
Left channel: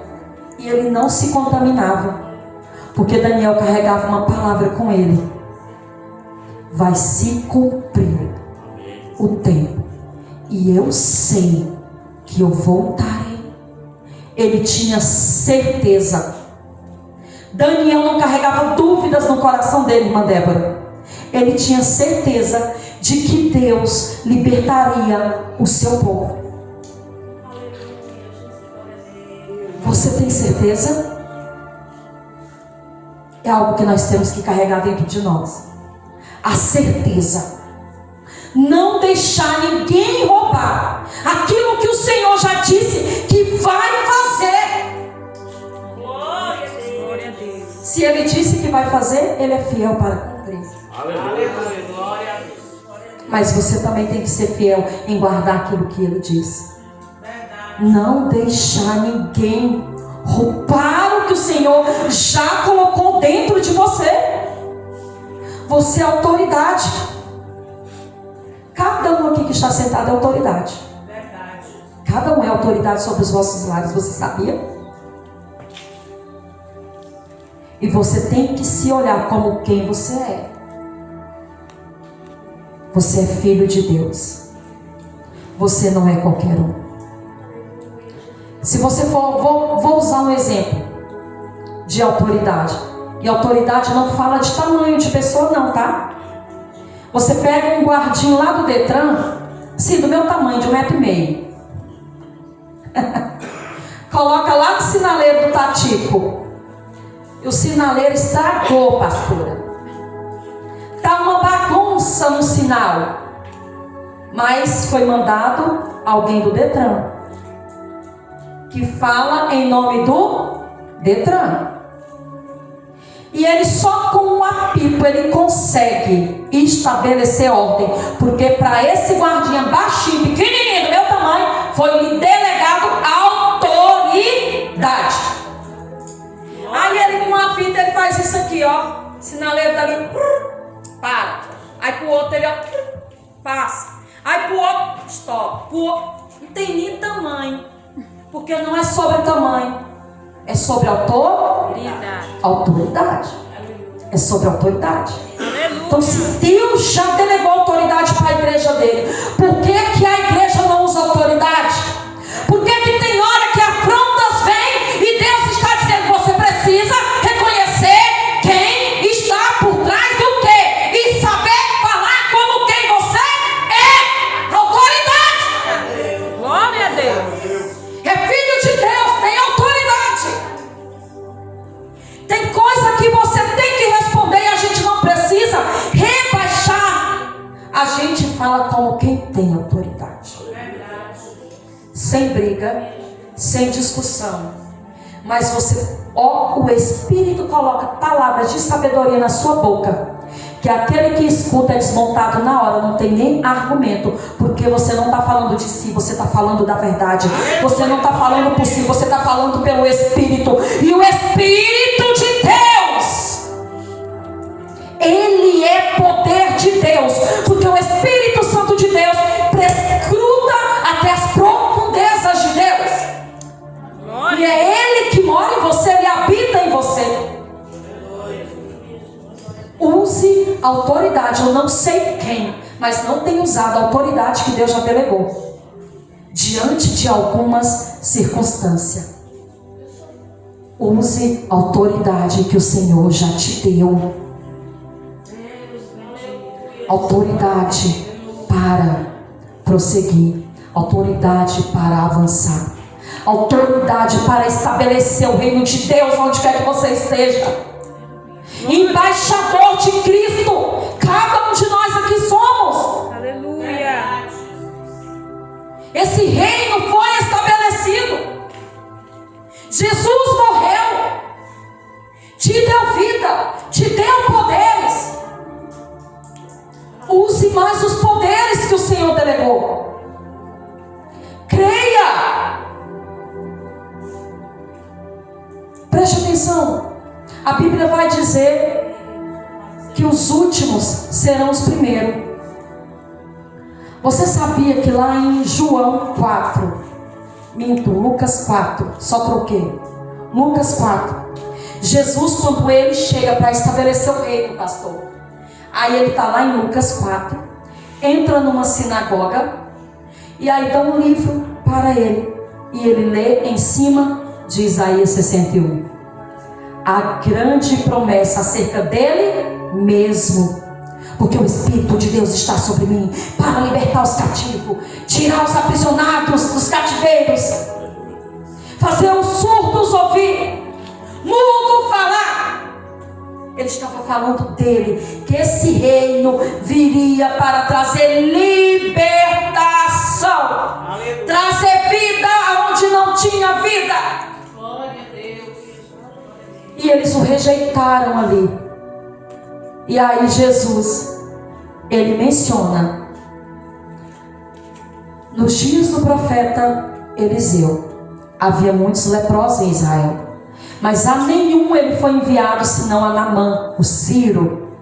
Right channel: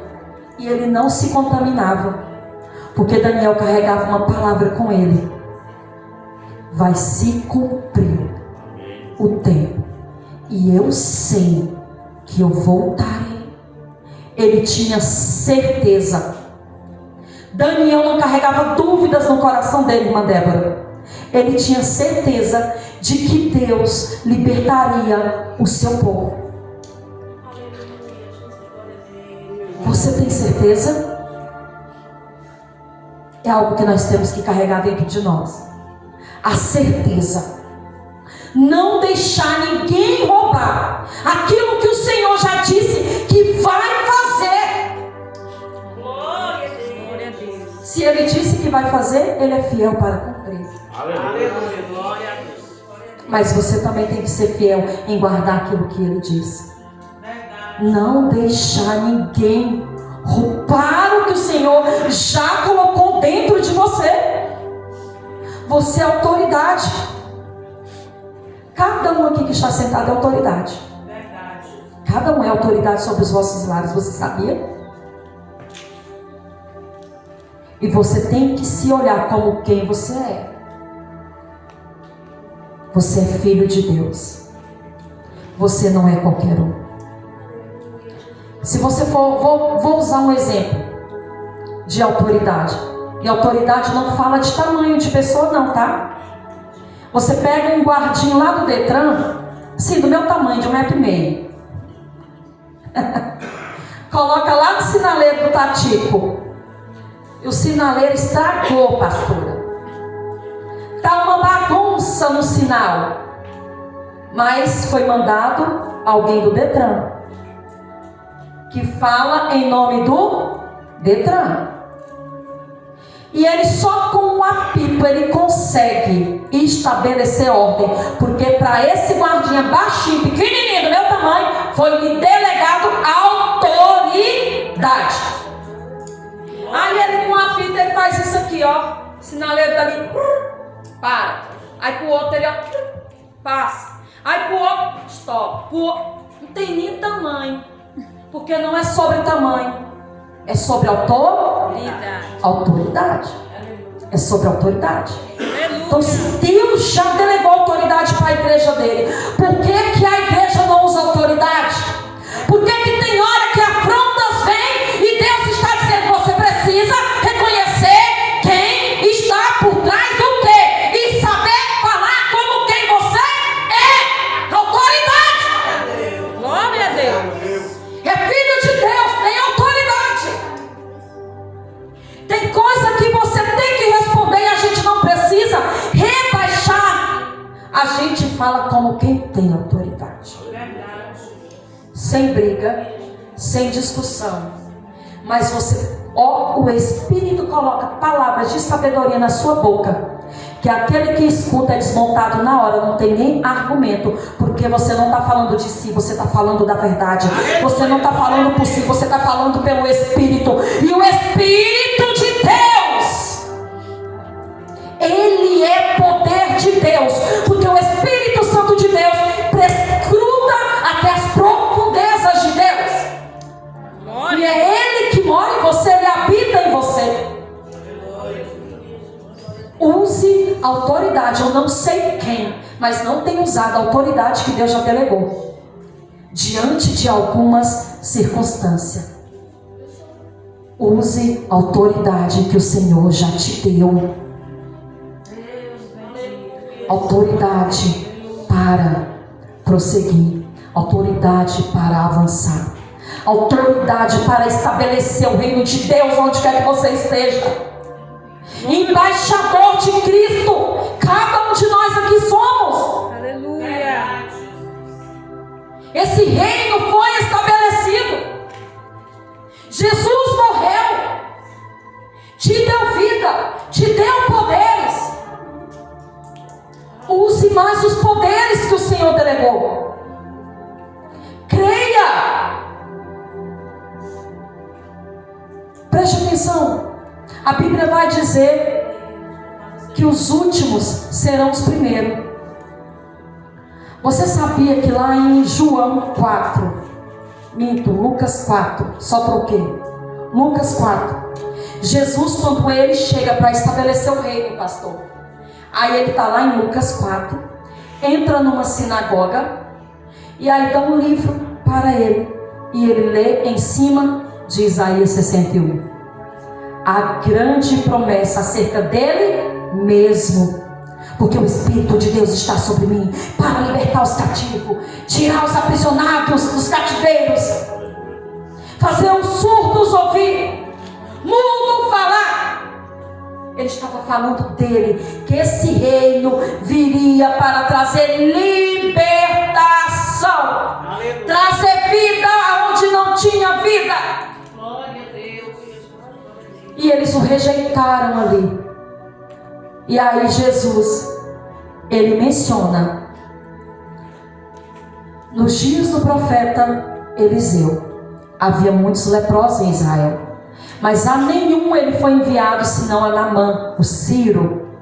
E ele não se contaminava. Porque Daniel carregava uma palavra com ele. Vai se cumprir o tempo. E eu sei que eu voltarei. Ele tinha certeza. Daniel não carregava dúvidas no coração dele, irmã Débora. Ele tinha certeza de que Deus libertaria o seu povo. Você tem certeza? É algo que nós temos que carregar dentro de nós. A certeza. Não deixar ninguém roubar aquilo que o Senhor já disse que vai fazer. Glória a Deus. Glória a Deus. Se Ele disse que vai fazer, Ele é fiel para cumprir. Aleluia. Glória a Deus. Mas você também tem que ser fiel em guardar aquilo que Ele disse. Verdade. Não deixar ninguém roubar o que o Senhor já colocou dentro de você. Você é autoridade. Cada um aqui que está sentado é autoridade. Verdade. Cada um é autoridade sobre os vossos lares. Você sabia? E você tem que se olhar como quem você é. Você é filho de Deus. Você não é qualquer um. Se você for, vou usar um exemplo de autoridade. E autoridade não fala de tamanho de pessoa não, tá? Você pega um guardinho lá do Detran, assim, do meu tamanho, de 1,5 m. Coloca lá no sinaleiro do Tatico. E o sinaleiro estragou, pastora. Tá uma bagunça no sinal. Mas foi mandado alguém do Detran, que fala em nome do Detran. E ele só com um apito ele consegue estabelecer ordem. Porque para esse guardinha baixinho, pequenininho, do meu tamanho, foi me delegado autoridade. Aí ele com um apito ele faz isso aqui, ó. Sinaleiro dali, para. Aí pro outro ele, ó, passa. Aí pro outro, stop. Pro outro, não tem nem tamanho. Porque não é sobre tamanho. É sobre autoridade. É sobre autoridade. Então, se Deus já delegou autoridade para a igreja dele, por que a igreja não usa autoridade? Por que tem hora que afrontas vêm e Deus está dizendo: você precisa reconhecer quem está por trás do quê? E saber falar como quem você é. Autoridade. Glória a Deus. É filho de Deus, tem autoridade. Tem coisa que você tem que responder e a gente sem briga, sem discussão. Mas o Espírito coloca palavras de sabedoria na sua boca, que aquele que escuta é desmontado na hora, não tem nem argumento, porque você não está falando de si, você está falando da verdade. Você não está falando por si, você está falando pelo Espírito. E o Espírito de Deus, ele é poder de Deus, porque o Espírito Santo de Deus prescruta até as profundezas de Deus. E é ele que mora em você, ele habita em você. Use a autoridade. Eu não sei quem, mas não tem usado a autoridade que Deus já delegou diante de algumas circunstâncias. Use a autoridade que o Senhor já te deu. Autoridade para prosseguir, autoridade para avançar, autoridade para estabelecer o reino de Deus onde quer que você esteja. Embaixador de Cristo, cada um de nós aqui somos. Aleluia. Esse reino foi estabelecido. Jesus morreu, te deu vida, te deu poderes. Use mais os poderes que o Senhor delegou. Creia. Preste atenção. A Bíblia vai dizer que os últimos serão os primeiros. Você sabia que lá em João 4, Lucas 4, só troquei. Lucas 4. Jesus, quando ele chega para estabelecer o reino, pastor. Aí ele está lá em Lucas 4, entra numa sinagoga, e aí dá um livro para ele. E ele lê em cima de Isaías 61. A grande promessa acerca dele mesmo, porque o Espírito de Deus está sobre mim para libertar os cativos, tirar os aprisionados dos cativeiros, fazer os surdos ouvir, mudo falar. Ele estava falando dele, que esse reino viria para trazer libertação, trazer vida onde não tinha vida. E eles o rejeitaram ali. E aí Jesus, ele menciona, nos dias do profeta Eliseu, havia muitos leprosos em Israel, mas a nenhum ele foi enviado, senão a Naamã, o sírio.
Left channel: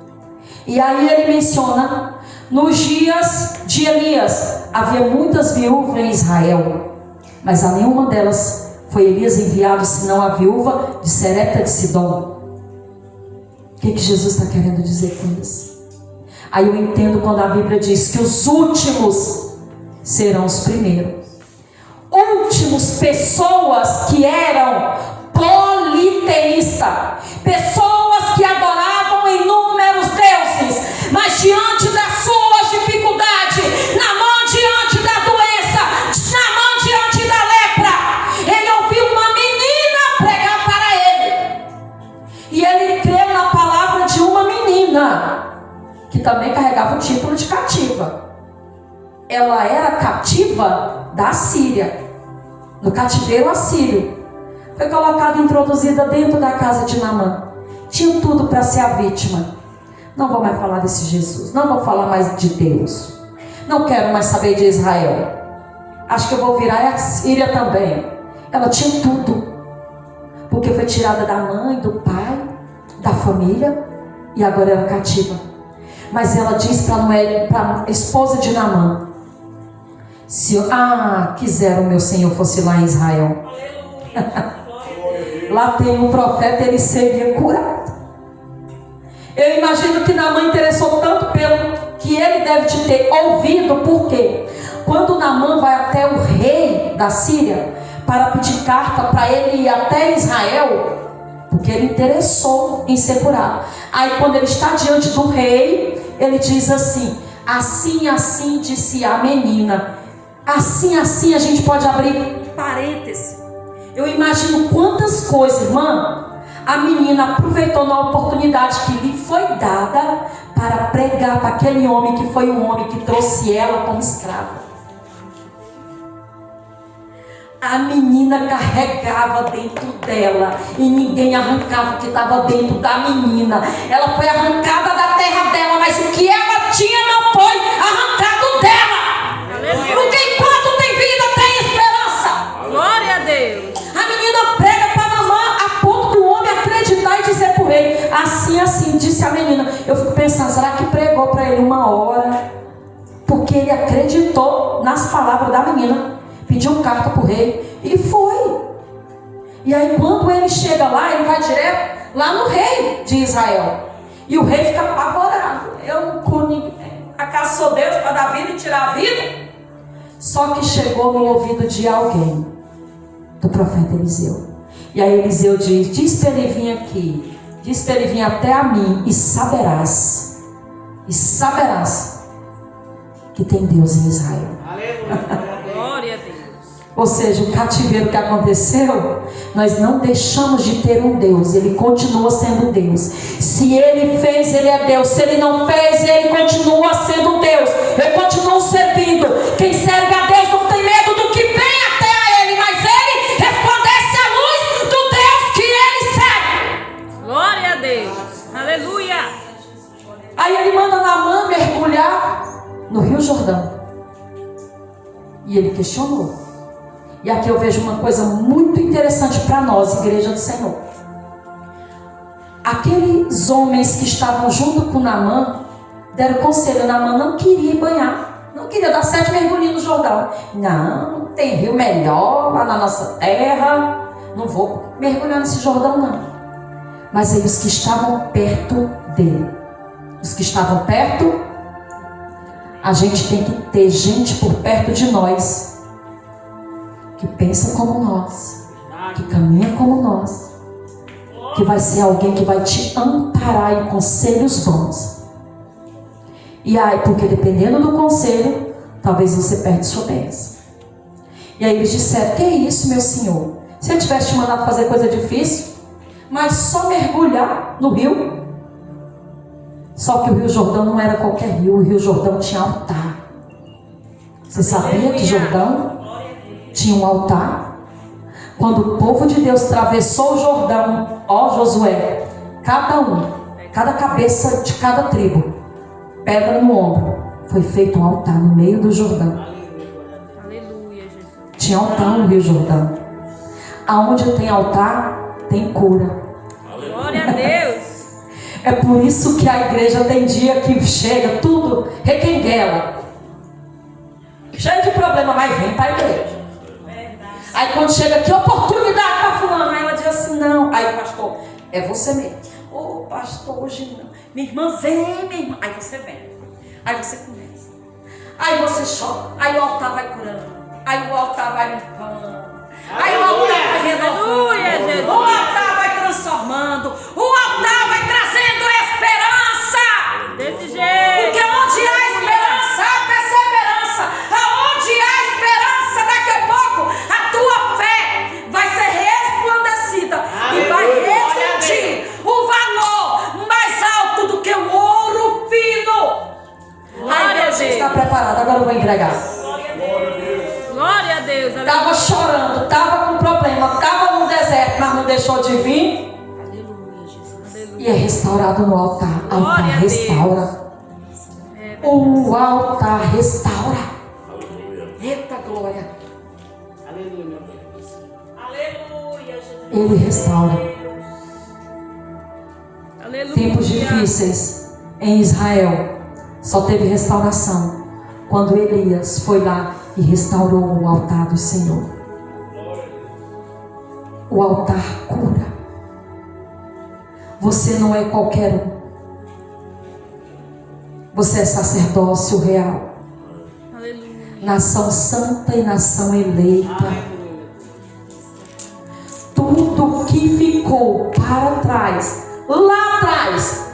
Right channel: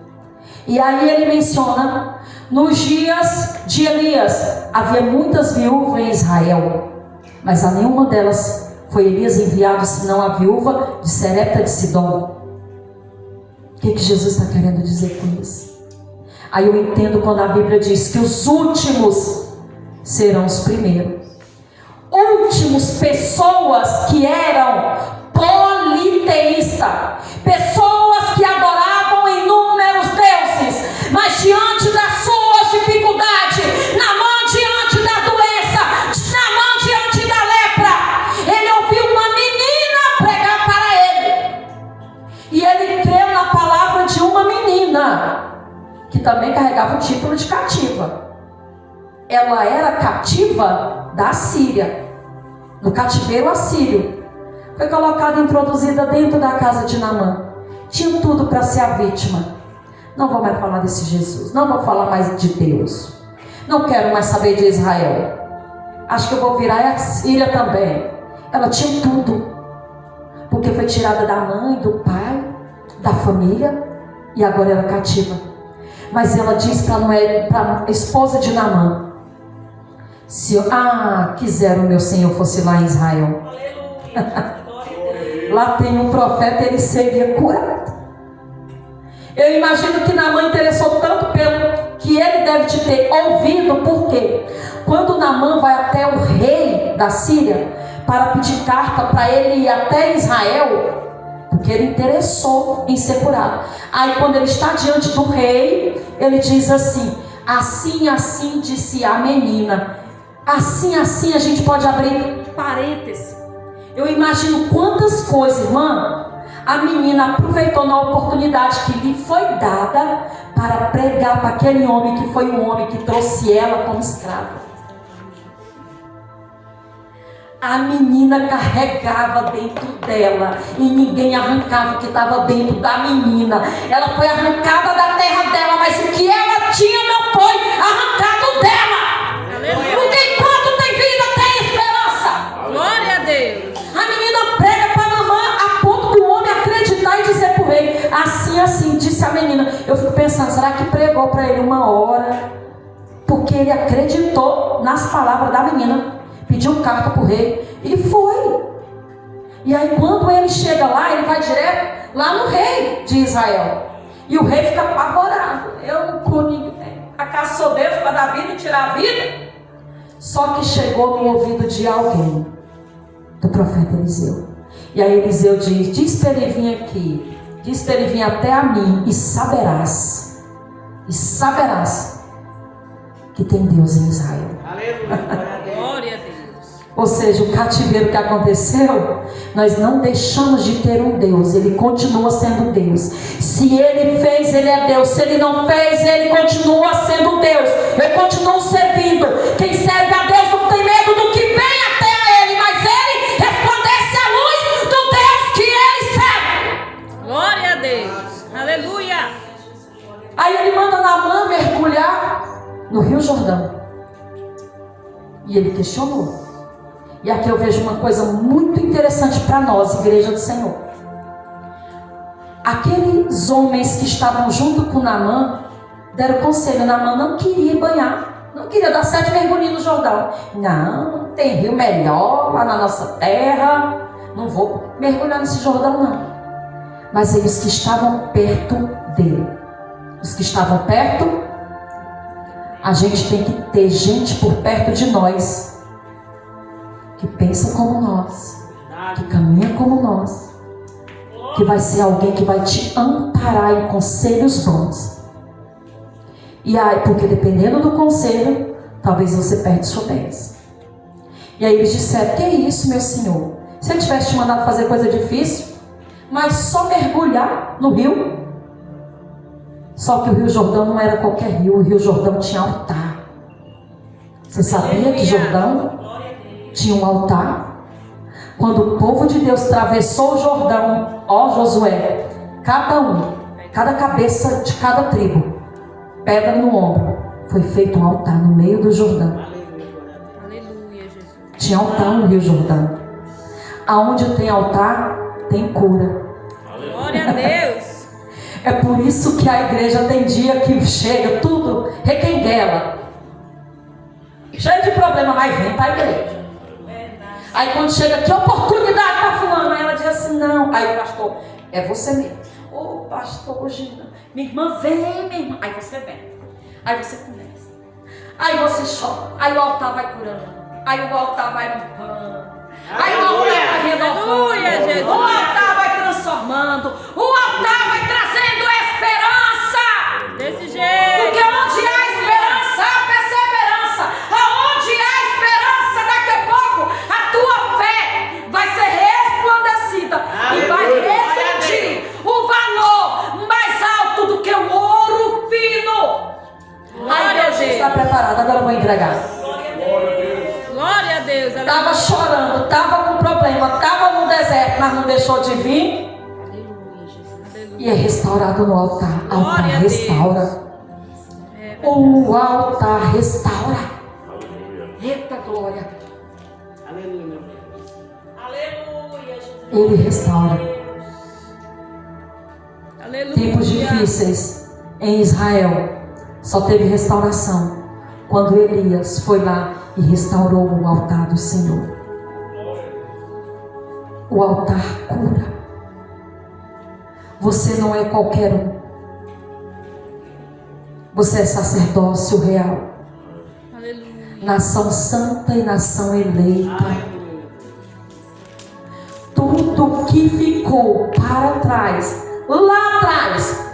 E aí ele menciona, nos dias de Elias, havia muitas viúvas em Israel, mas a nenhuma delas foi Elias enviado, senão a viúva de Serepta de Sidom. O que Jesus está querendo dizer com isso? Aí eu entendo quando a Bíblia diz que os últimos serão os primeiros. Últimos, pessoas que eram politeístas, pessoas que adoravam inúmeros deuses, mas diante das suas dificuldades, Naamã diante da doença, Naamã diante da lepra, ele ouviu uma menina pregar para ele, e ele creu na palavra de uma menina que também carregava o título de cativa. Ela era cativa da Síria, no cativeiro assírio. Foi colocada, introduzida dentro da casa de Naamã. Tinha tudo para ser a vítima. Não vou mais falar desse Jesus, não vou falar mais de Deus, não quero mais saber de Israel, acho que eu vou virar a Síria também. Ela tinha tudo, porque foi tirada da mãe, do pai, da família, e agora era cativa. Mas ela diz para a esposa de Naamã: se quiser o meu Senhor fosse lá em Israel, lá tem um profeta, ele seria curado. Eu imagino que Naamã interessou tanto pelo que ele deve te ter ouvido, porque quando Naamã vai até o rei da Síria para pedir carta para ele ir até Israel, porque ele interessou em ser curado. Aí quando ele está diante do rei, ele diz assim: assim, assim disse a menina. Assim, assim, a gente pode abrir parênteses. Eu imagino quantas coisas, irmã, a menina aproveitou na oportunidade que lhe foi dada para pregar para aquele homem que foi o homem que trouxe ela como escrava. A menina carregava dentro dela e ninguém arrancava o que estava dentro da menina. Ela foi arrancada da terra dela, mas o que ela tinha não foi arrancado dela. Aleluia. Porque enquanto tem vida, tem esperança. Glória a Deus. A menina prega para a mamãe a ponto do homem acreditar e dizer para o rei: assim, disse a menina. Eu fico pensando, será que pregou para ele uma hora? Porque ele acreditou nas palavras da menina. Pediu carta para o rei e foi. E aí quando ele chega lá, ele vai direto lá no rei de Israel. E o rei fica apavorado. Eu não curo ninguém. Acaso sou Deus para dar vida e tirar a vida? Só que chegou no ouvido de alguém, do profeta Eliseu. E aí Eliseu diz para ele vir aqui. Diz para ele vir até a mim e saberás que tem Deus em Israel. Glória a Deus. Ou seja, o cativeiro que aconteceu, nós não deixamos de ter um Deus. Ele continua sendo Deus. Se Ele fez, Ele é Deus. Se Ele não fez, Ele continua sendo Deus. Eu continuo servindo. Quem serve a Deus não tem medo do que vem até a Ele, mas Ele resplandece a luz do Deus que Ele serve. Glória a Deus. Aleluia. Aí Ele manda Naamã mergulhar no Rio Jordão. E ele questionou. E aqui eu vejo uma coisa muito interessante para nós, igreja do Senhor. Aqueles homens que estavam junto com Naamã deram conselho. Naamã não queria banhar, não queria dar 7 mergulhos no Jordão. Não, tem rio melhor lá na nossa terra, não vou mergulhar nesse Jordão não. Mas aí os que estavam perto dele, os que estavam perto, a gente tem que ter gente por perto de nós que pensa como nós, que caminha como nós, que vai ser alguém que vai te amparar em conselhos bons. E aí, porque dependendo do conselho, talvez você perde sua bênção. E aí eles disseram: que é isso, meu senhor? Se eu tivesse te mandado fazer coisa difícil, mas só mergulhar no rio. Só que o Rio Jordão não era qualquer rio, o Rio Jordão tinha altar. Você sabia que Jordão tinha um altar? Quando o povo de Deus atravessou o Jordão, ó Josué, cada cabeça de cada tribo, pedra no ombro, foi feito um altar no meio do Jordão. Aleluia, Jesus. Tinha altar no Rio Jordão. Aonde tem altar, tem cura. Glória a Deus. É por isso que a igreja tem dia que chega tudo requenguela, cheio de problema, mas vem para a igreja. Aí quando chega, que oportunidade para fulano, aí ela diz assim: não. Aí o pastor: é você mesmo. Ô pastor, hoje não. Minha irmã, vem, minha irmã. Aí você vem. Aí você começa. Aí você chora. Aí o altar vai curando. Aí o altar vai limpando. Aí o altar vai renovando. Aleluia, Jesus. O altar vai transformando. O altar vai trazendo esperança. Desse jeito. Porque onde há esperança, há perseverança. Aonde há esperança, daqui a pouco a tua fé vai ser resplandecida. E vai refletir o valor mais alto do que o ouro fino. Aí Deus está preparado, agora eu vou entregar. Glória a Deus. Estava chorando, estava com problema, estava no deserto, mas não deixou de vir. Aleluia, Jesus. Aleluia. E é restaurado no altar. Altar Glória a restaura. O altar restaura. Eita glória. Aleluia, meu Deus. Aleluia, Jesus. Ele restaura. Aleluia. Tempos difíceis em Israel só teve restauração quando Elias foi lá e restaurou o altar do Senhor. O altar cura. Você não é qualquer um. Você é sacerdócio real. Aleluia. Nação santa e nação eleita. Tudo que ficou para trás, lá atrás,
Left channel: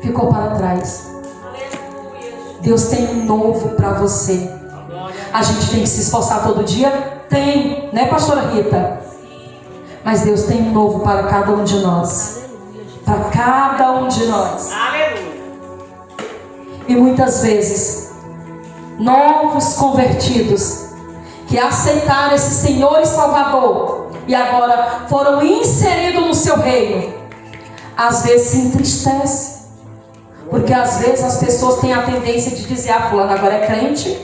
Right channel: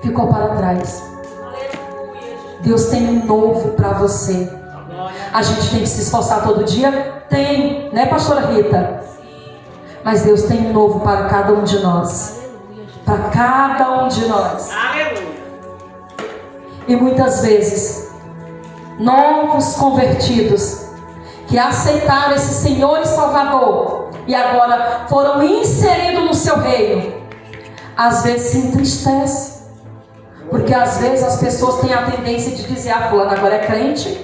ficou para trás. Deus tem um novo para você. A gente tem que se esforçar todo dia? Tem, né, pastora Rita? Mas Deus tem um novo para cada um de nós. Para cada um de nós. E muitas vezes, novos convertidos que aceitaram esse Senhor e Salvador e agora foram inseridos no seu reino, às vezes se entristece, porque às vezes as pessoas têm a tendência de dizer: ah, fulano agora é crente,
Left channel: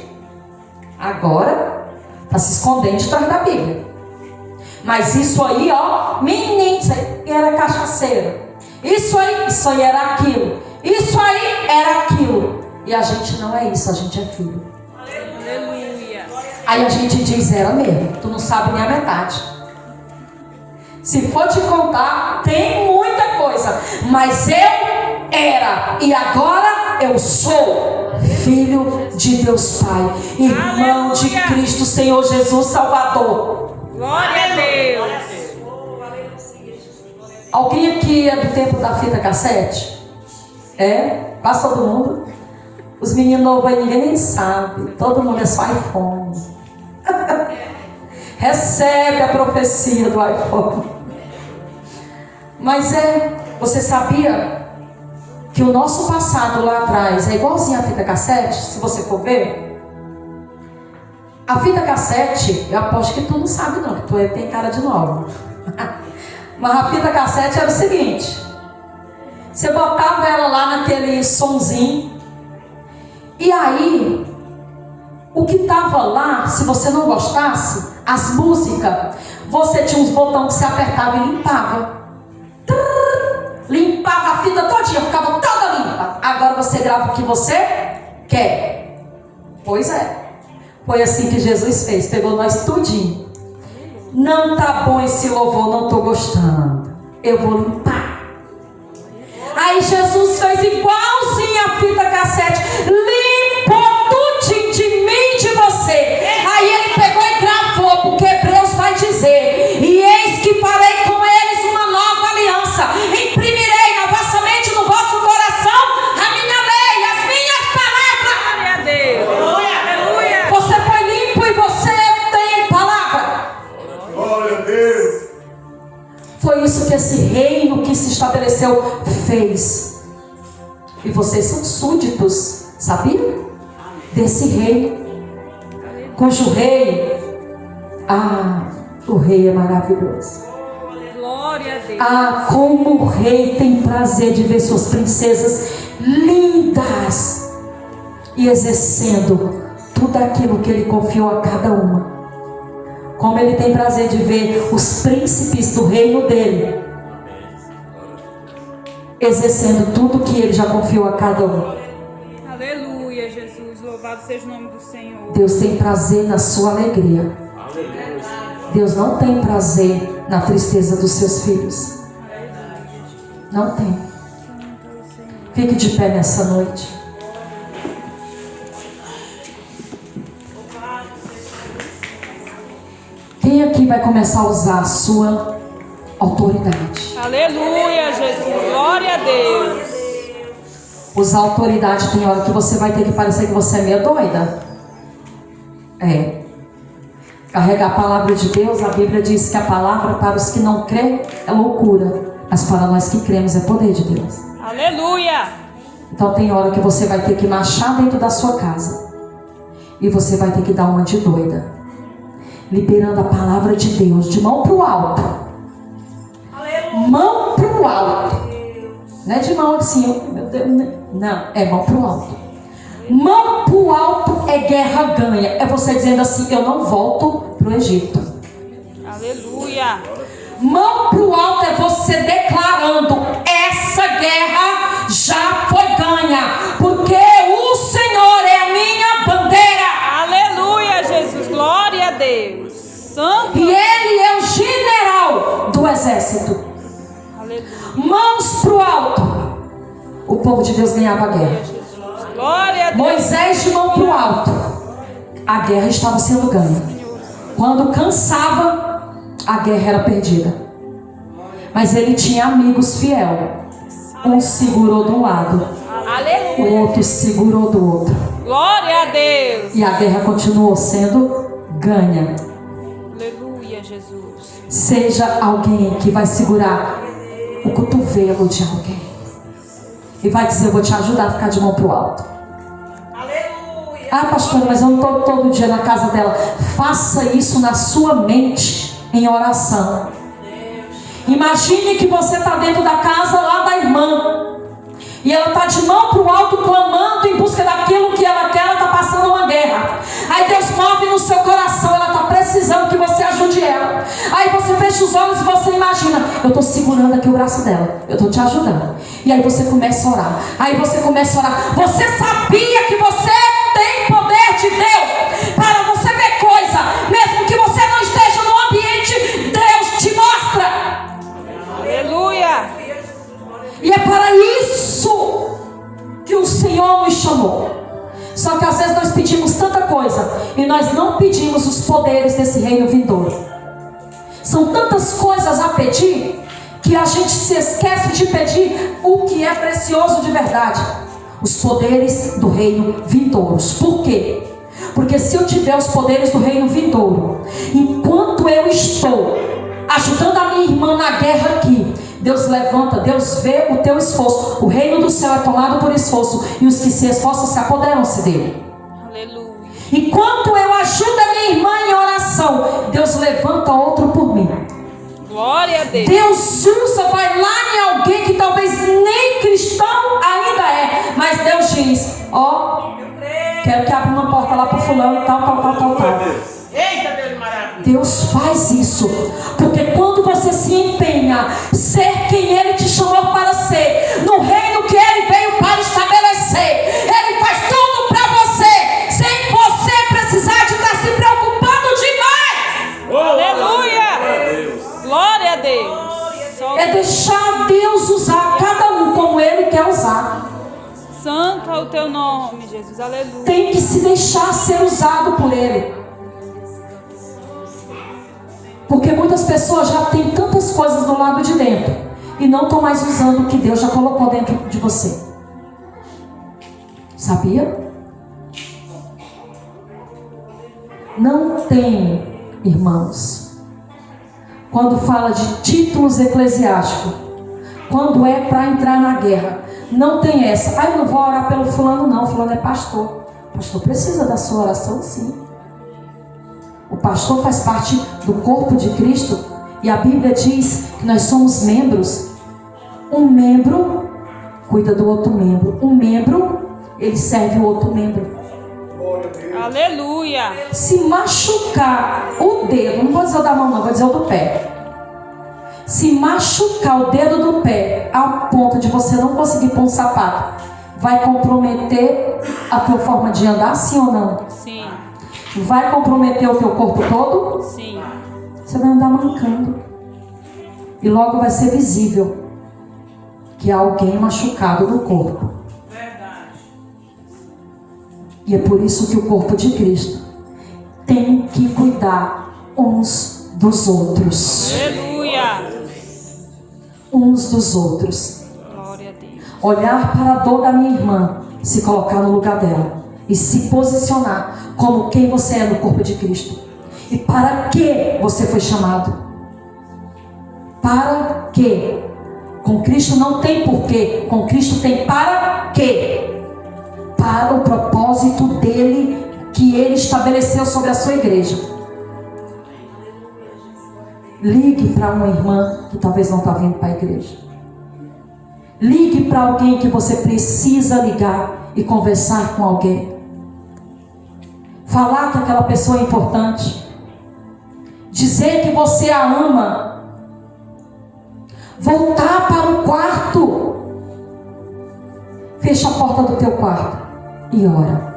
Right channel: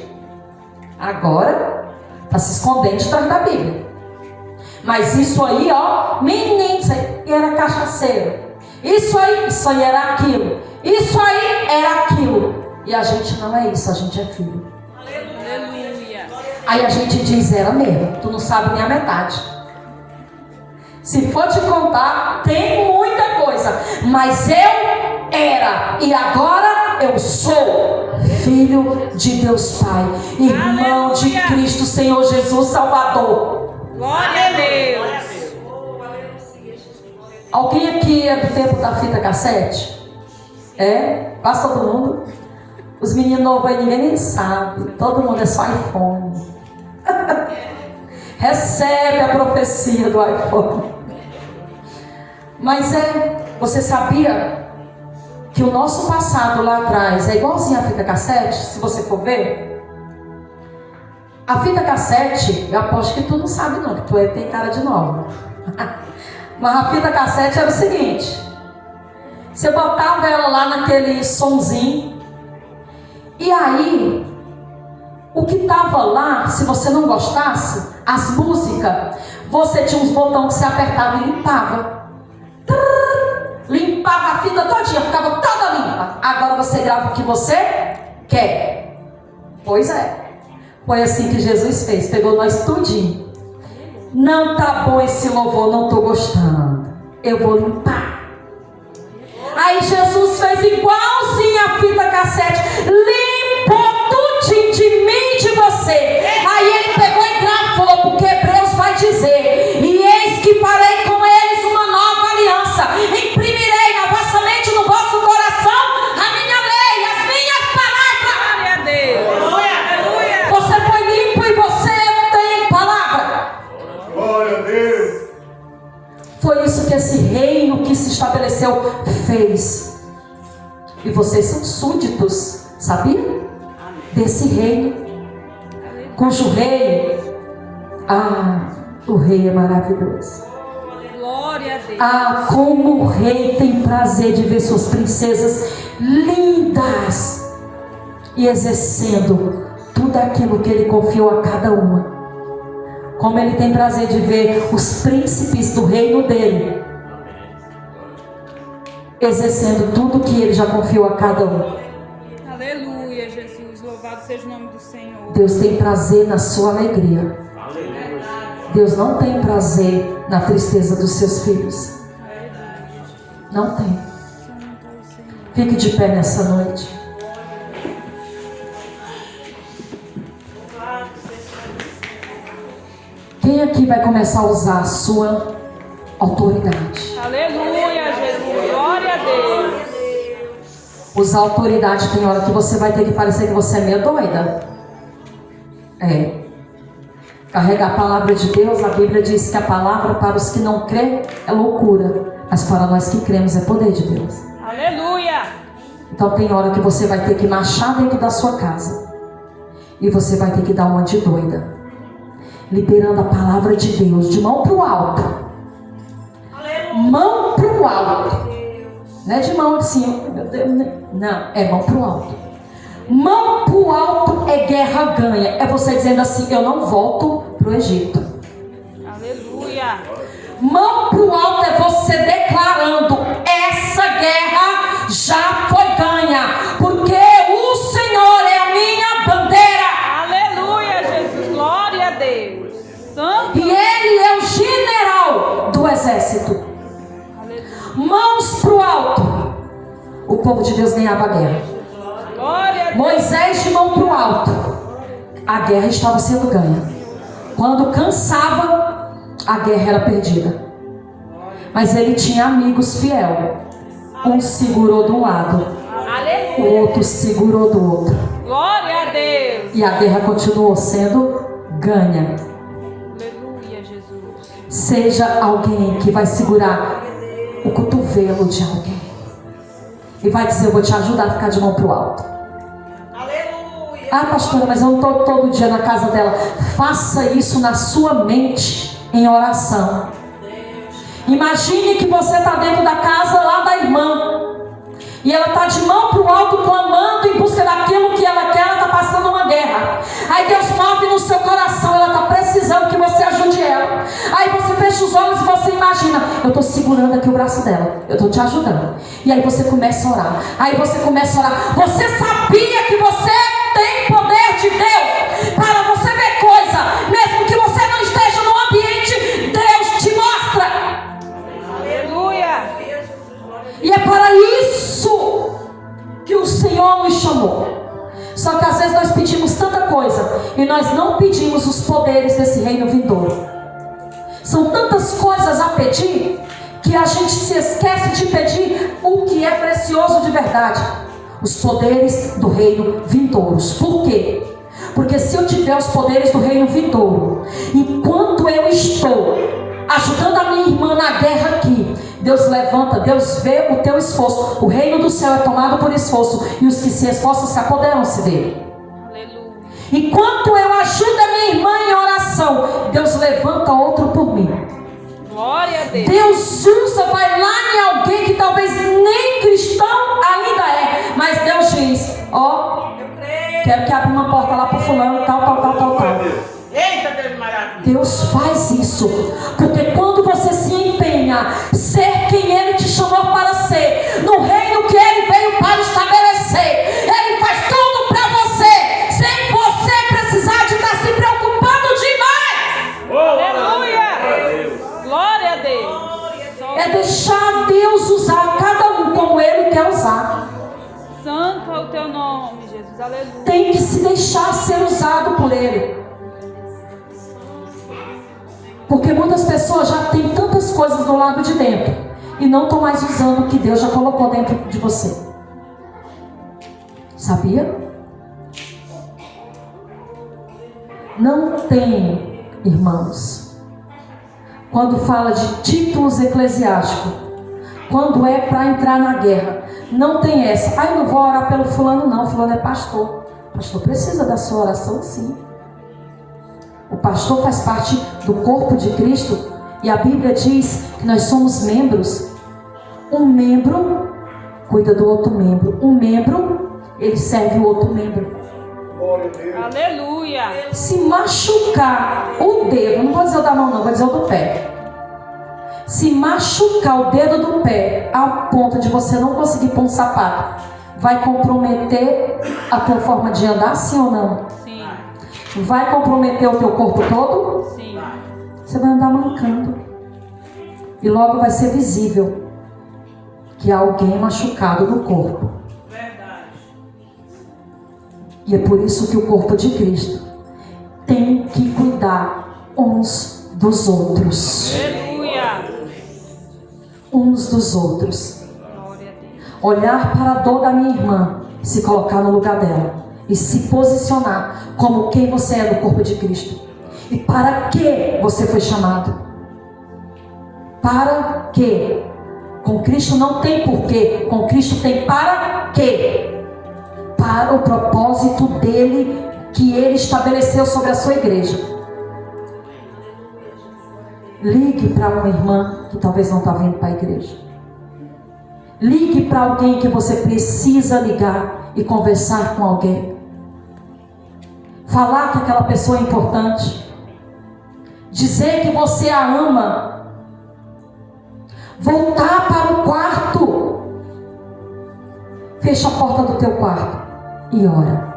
agora está se escondendo atrás da Bíblia. Mas isso aí, ó, menino, isso aí era cachaceiro, isso aí era aquilo, isso aí era aquilo. E a gente não é isso, a gente é filho. Aleluia. Aí a gente diz: era mesmo, tu não sabe nem a metade. Se for te contar, tem muita coisa, mas eu era e agora eu sou filho de Deus Pai, irmão de Cristo Senhor Jesus Salvador. Glória a Deus. Alguém aqui é do tempo da fita cassete? É? Quase todo mundo. Os meninos novos aí ninguém nem sabe. Todo mundo é só iPhone. Recebe a profecia do iPhone. Mas você sabia que o nosso passado lá atrás é igualzinho a fita cassete? Se você for ver, a fita cassete, eu aposto que tu não sabe não, que tu tem cara de nova. Mas a fita cassete era o seguinte: você botava ela lá naquele sonzinho, e aí o que estava lá, se você não gostasse, as músicas, você tinha uns botões que você apertava e limpava. Limpava a fita todinha, ficava toda limpa. Agora você grava o que você quer. Pois é, foi assim que Jesus fez, pegou nós tudinho. Não tá bom esse louvor, não tô gostando, eu vou limpar. Aí Jesus fez igualzinho a fita cassete, limpou tudinho de mim e de você. Aí ele pegou e gravou, porque Hebreus vai dizer: e eis que farei com eles uma nova aliança, imprimirei na vossa mente e no vosso coração a minha lei, as minhas palavras. Glória a Deus. Aleluia. Você foi limpo e você tem palavra. Glória a Deus. Foi isso que esse reino que se estabeleceu fez. E vocês são súditos, sabia? Desse reino, cujo rei, o rei é maravilhoso. Glória a Deus. Como o rei tem prazer de ver suas princesas lindas e exercendo tudo aquilo que ele confiou a cada uma. Como ele tem prazer de ver os príncipes do reino dele exercendo tudo que ele já confiou a cada um. Aleluia, Jesus. Louvado seja o nome do Senhor. Deus tem prazer na sua alegria. Deus não tem prazer na tristeza dos seus filhos. Não tem. Fique de pé nessa noite. Quem aqui vai começar a usar a sua autoridade? Aleluia, Jesus. Glória a Deus. Usar autoridade, tem hora que você vai ter que parecer que você é meio doida. Carregar a palavra de Deus, a Bíblia diz que a palavra para os que não creem é loucura, mas para nós que cremos é poder de Deus. Aleluia. Então tem hora que você vai ter que marchar dentro da sua casa e você vai ter que dar uma de doida, liberando a palavra de Deus de mão para o alto. Mão para o alto. Não é de mão assim, meu Deus, não, é mão para o alto. Mão para o alto é guerra ganha. É você dizendo assim: eu não volto para o Egito. Aleluia. Mão para o alto é você declarando: essa guerra já foi ganha, porque o Senhor é a minha bandeira. Aleluia, Jesus. Glória a Deus. Santo. E Ele é o general do exército. Aleluia. Mãos para o alto. O povo de Deus ganhava a guerra. Glória a Deus. Moisés de mão para o alto. A guerra estava sendo ganha. Quando cansava, a guerra era perdida. Mas ele tinha amigos fiéis. Um segurou de um lado, o outro segurou do outro. Glória a Deus. E a guerra continuou sendo ganha. Aleluia, Jesus. Seja alguém que vai segurar o cotovelo de alguém e vai dizer: eu vou te ajudar a ficar de mão para o alto. Aleluia. Ah, pastora, mas eu não estou todo dia na casa dela. Faça isso na sua mente, em oração. Imagine que você está dentro da casa lá da irmã, e ela está de mão para o alto clamando em busca daquilo que ela quer. Ela está passando uma guerra. Aí Deus move no seu coração, ela está precisando que você ajude ela. Aí você fecha os olhos e você imagina: eu estou segurando aqui o braço dela, eu estou te ajudando. E aí você começa a orar. Aí você começa a orar. Você sabia que você tem poder de Deus para você ver coisa, mesmo que você não esteja no ambiente, Deus te mostra. Aleluia. E é para isso que o Senhor nos chamou. Só que às vezes nós pedimos tanta coisa e nós não pedimos os poderes desse reino vindouro. São tantas coisas a pedir que a gente se esquece de pedir o que é precioso de verdade: os poderes do reino vindouros. Por quê? Porque se eu tiver os poderes do reino vindouro, enquanto eu estou ajudando a minha irmã na guerra aqui, Deus levanta, Deus vê o teu esforço. O reino do céu é tomado por esforço, e os que se esforçam se apoderam-se dele. Aleluia. Enquanto eu ajudo a minha irmã em oração, Deus levanta outro por mim. Glória a Deus. Deus usa, vai lá em alguém que talvez nem cristão ainda é, mas Deus diz: ó, quero que abra uma porta lá para o fulano, tal. Eita, Deus maravilhoso. Deus faz isso, porque quando você se empenha ser quem Ele te chamou para ser, no reino que Ele veio para estabelecer, Ele faz tudo para você, sem você precisar de estar se preocupando demais. Aleluia. Glória a Deus. É deixar Deus usar cada um como Ele quer usar. Santo é o teu nome, Jesus. Aleluia. Tem que se deixar ser usado por Ele. Porque muitas pessoas já têm tantas coisas do lado de dentro e não estão mais usando o que Deus já colocou dentro de você. Sabia? Não tem, irmãos, quando fala de títulos eclesiásticos, quando é para entrar na guerra, não tem essa: eu não vou orar pelo fulano não, fulano é pastor. O pastor precisa da sua oração, sim. O pastor faz parte do corpo de Cristo, e a Bíblia diz que nós somos membros. Um membro cuida do outro membro. Um membro, ele serve o outro membro. Glória a Deus. Aleluia. Se machucar o dedo, não vou dizer o da mão não, vou dizer o do pé. Se machucar o dedo do pé ao ponto de você não conseguir pôr um sapato, vai comprometer a tua forma de andar, sim ou não? Sim. Vai comprometer o teu corpo todo? Sim. Você vai andar mancando. E logo vai ser visível que há alguém machucado no corpo. Verdade. E é por isso que o corpo de Cristo tem que cuidar uns dos outros. Aleluia. Uns dos outros. Glória a Deus. Olhar para a dor da minha irmã, se colocar no lugar dela e se posicionar como quem você é no corpo de Cristo. E para que você foi chamado? Para quê? Com Cristo não tem porquê, com Cristo tem para quê? Para o propósito dele, que ele estabeleceu sobre a sua igreja. Ligue para uma irmã que talvez não está vindo para a igreja. Ligue para alguém que você precisa ligar e conversar com alguém. Falar que aquela pessoa é importante. Dizer que você a ama. Voltar para o quarto. Fecha a porta do teu quarto e ora.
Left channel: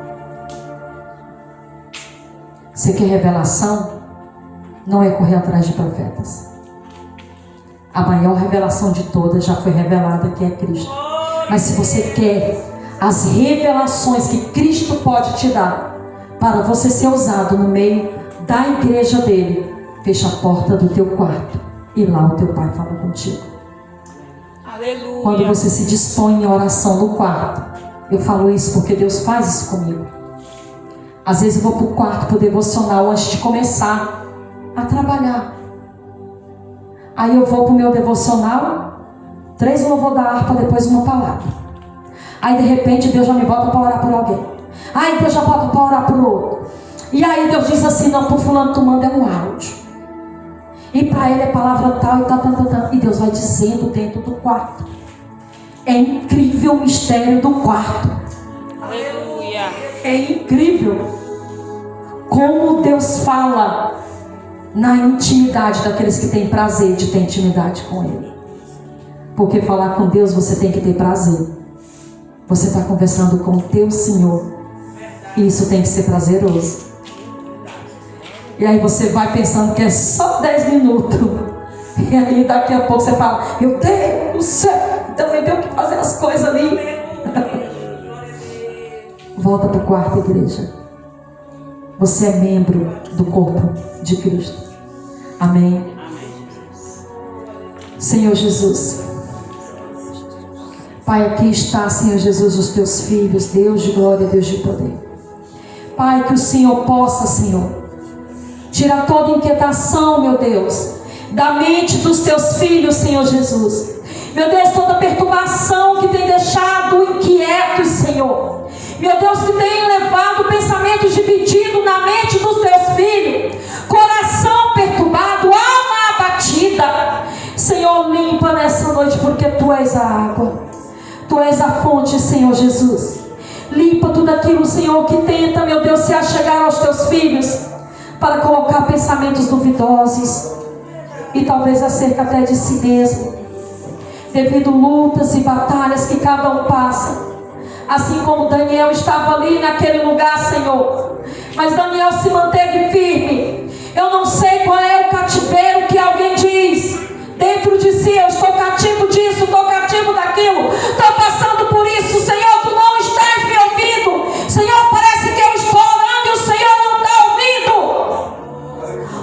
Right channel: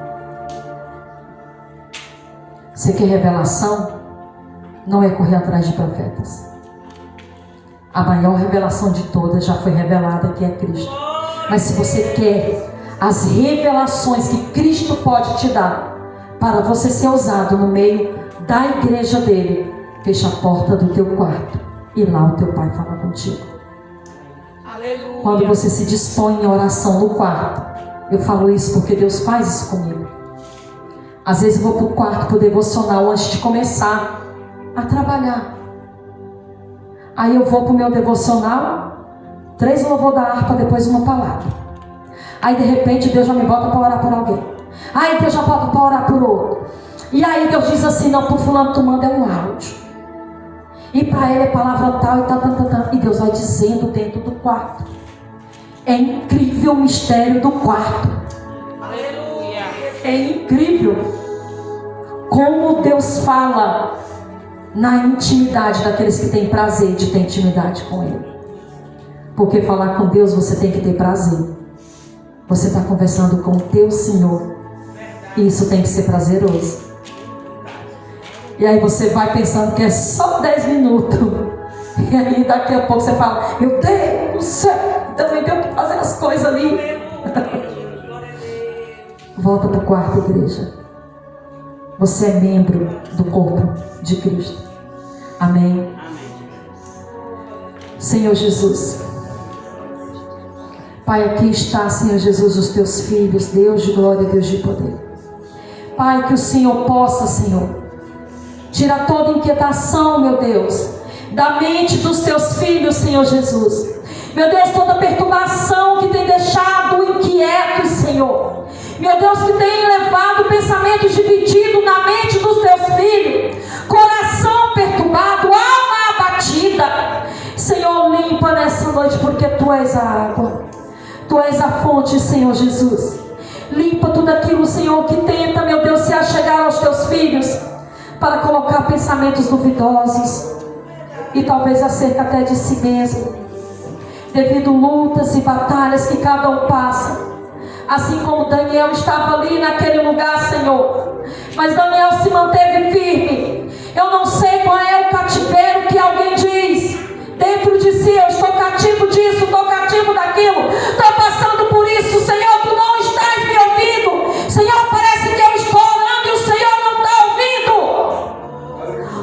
Você quer revelação? Não é correr atrás de profetas. A maior revelação de todas já foi revelada, que é Cristo. Mas se você quer as revelações que Cristo pode te dar para você ser usado no meio da igreja dele, fecha a porta do teu quarto e lá o teu pai fala contigo. Aleluia. Quando você se dispõe em oração no quarto, eu falo isso porque Deus faz isso comigo. Às vezes eu vou para o quarto, para o devocional, antes de começar a trabalhar. Aí eu vou para o meu devocional, 3 louvor da harpa, depois uma palavra. Aí de repente Deus já me bota para orar por alguém. Aí Deus já bota para orar para o outro. E aí Deus diz assim: não, para o fulano tu manda um áudio. E para ele é palavra tal e tal, tal, tal, tal. E Deus vai dizendo dentro do quarto. É incrível o mistério do quarto. Aleluia. É incrível como Deus fala na intimidade daqueles que têm prazer de ter intimidade com Ele. Porque falar com Deus você tem que ter prazer. Você está conversando com o teu Senhor. E isso tem que ser prazeroso. E aí você vai pensando que é só 10 minutos. E aí daqui a pouco você fala: meu Deus do céu, também tenho que fazer as coisas ali. Volta para o quarto, igreja. Você é membro do corpo de Cristo. Amém. Senhor Jesus. Pai, aqui está, Senhor Jesus, os teus filhos, Deus de glória, Deus de poder. Pai, que o Senhor possa, Senhor, tirar toda inquietação, meu Deus, da mente dos teus filhos, Senhor Jesus. Meu Deus, toda perturbação que tem deixado inquietos, Senhor. Meu Deus, que tem levado pensamentos divididos na mente dos teus filhos. Coração perturbado, alma abatida. Senhor, limpa nessa noite, porque Tu és a água. Tu és a fonte, Senhor Jesus. Limpa tudo aquilo, Senhor, que tenta, meu Deus, se achegar aos teus filhos, para colocar pensamentos duvidosos, e talvez acerca até de si mesmo, devido lutas e batalhas que cada um passa. Assim como Daniel estava ali naquele lugar, Senhor, mas Daniel se manteve firme. Eu não sei qual é o cativeiro que alguém diz dentro de si: eu estou cativo disso, estou cativo daquilo, estou passando por isso. Senhor, Tu não estás me ouvindo. Senhor, parece que eu estou orando e o Senhor não está ouvindo.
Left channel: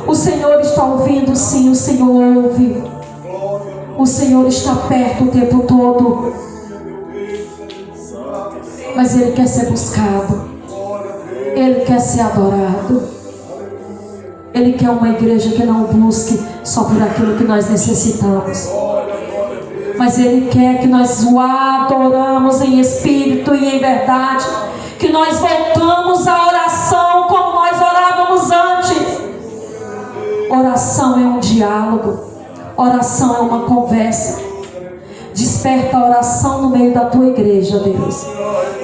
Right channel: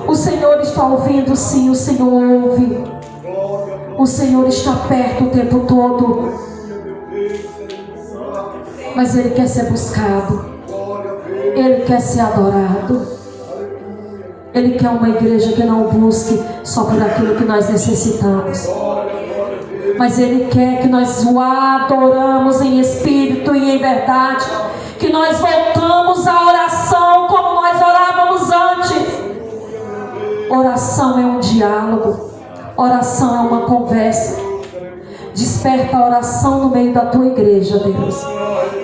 O Senhor está ouvindo, sim, o Senhor ouve. O Senhor está perto o tempo todo, mas Ele quer ser buscado, Ele quer ser adorado. Ele quer uma igreja que não busque só por aquilo que nós necessitamos, mas Ele quer que nós o adoramos em espírito e em verdade, que nós voltamos à oração como nós orávamos antes. Oração é um diálogo, oração é uma conversa. Desperta a oração no meio da Tua igreja, Deus.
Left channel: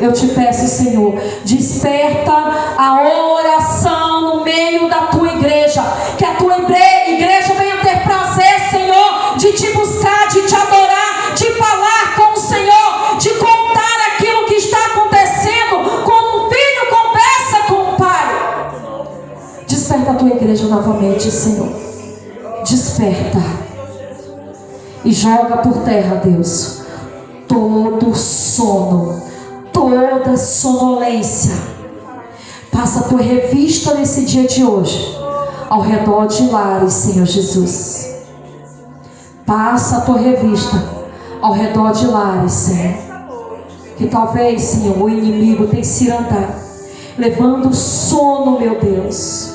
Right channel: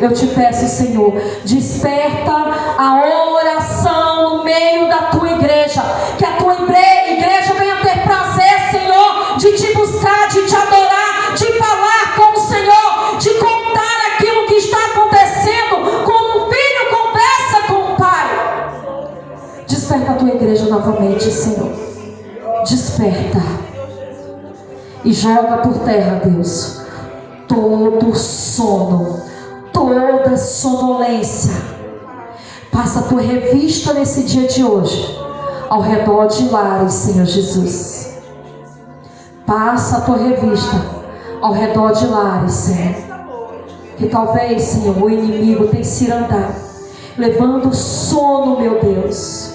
Eu te peço, Senhor, desperta a oração no meio da Tua igreja. Que a Tua igreja venha ter prazer, Senhor, de Te buscar, de Te adorar, de falar com o Senhor, de contar aquilo que está acontecendo, quando um filho conversa com o Pai. Desperta a Tua igreja novamente, Senhor. Desperta. E joga por terra, Deus, todo sono, toda sonolência. Passa por revista nesse dia de hoje, ao redor de lares, Senhor Jesus. Passa a tua revista ao redor de lares, Senhor. Que talvez, Senhor, o inimigo tenha se andado, levando o sono, meu Deus.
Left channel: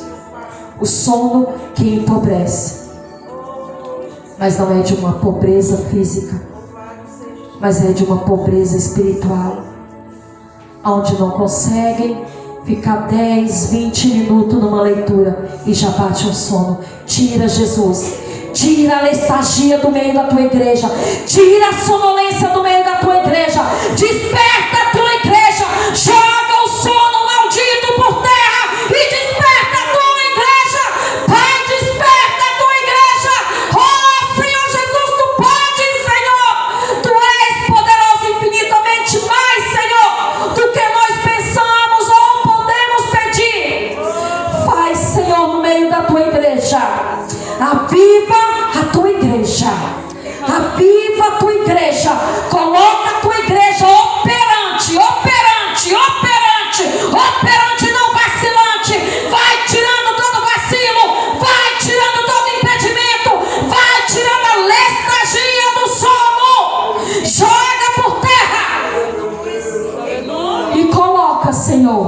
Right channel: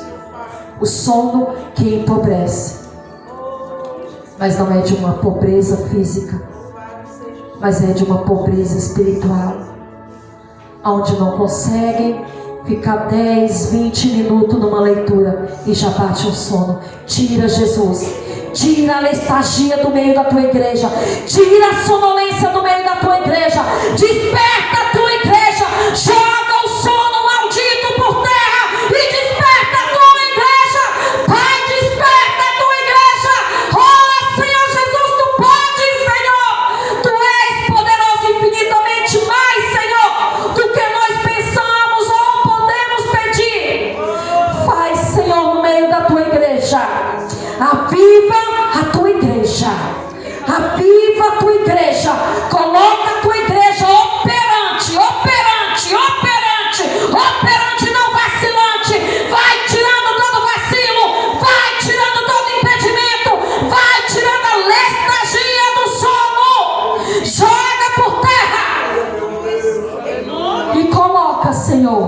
O sono que empobrece. Mas não é de uma pobreza física, mas é de uma pobreza espiritual, onde não conseguem ficar 10, 20 minutos numa leitura e já bate um sono. Tira, Jesus, tira a letargia do meio da Tua igreja, tira a sonolência do meio da Tua igreja, desperta a Tua igreja, joga o sono maldito por terra e desperta a Tua igreja. Pai, desperta a Tua igreja. Oh, Senhor Jesus, Tu podes, Senhor. Tu és poderoso infinitamente mais, Senhor, do que nós pensamos ou podemos pedir. Faz, Senhor, no meio da Tua igreja. Aviva a Tua igreja. Aviva a Tua igreja. Coloca a Tua igreja operante, operante, operante, operante, não vacilante. Vai tirando todo vacilo, vai tirando todo impedimento, vai tirando a letargia do sono. Joga por terra e coloca, Senhor,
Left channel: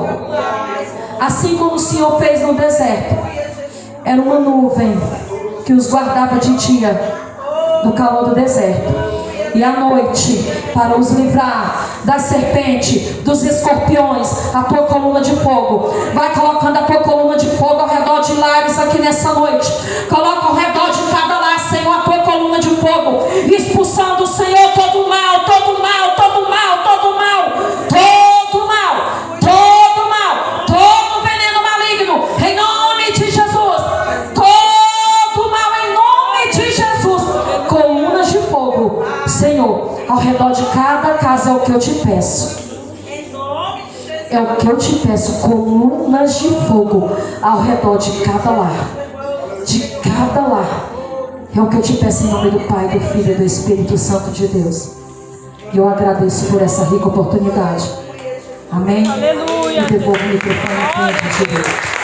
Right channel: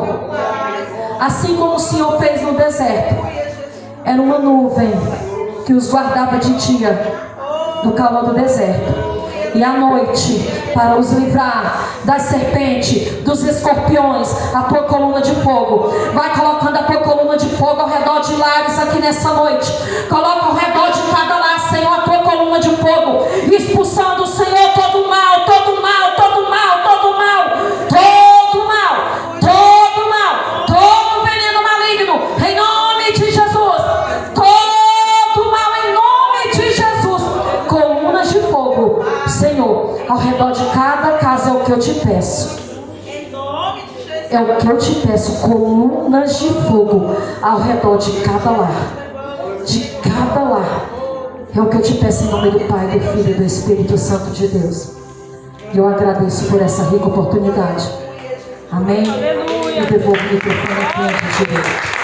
assim como o Senhor fez no deserto. Era uma nuvem que os guardava de dia no calor do deserto, e à noite para os livrar das serpentes, dos escorpiões, a tua coluna de fogo. Vai colocando a tua coluna de fogo ao redor de lares aqui nessa noite. Coloca ao redor de cada lar, Senhor, a tua coluna de fogo, expulsando, Senhor, todo mal, todo mal, todo mal, todo mal, todo mal, todo mal, todo veneno maligno, em nome de Jesus. Todo mal, em nome de Jesus. Colunas de fogo, Senhor, ao redor de cada casa, é o que eu te peço. É o que eu te peço, colunas de fogo ao redor de cada lar. De cada lar. É o que eu te peço em nome do Pai, do Filho e do Espírito Santo de Deus. E eu agradeço por essa rica oportunidade. Amém? E devolvo o microfone ao tempo de Deus.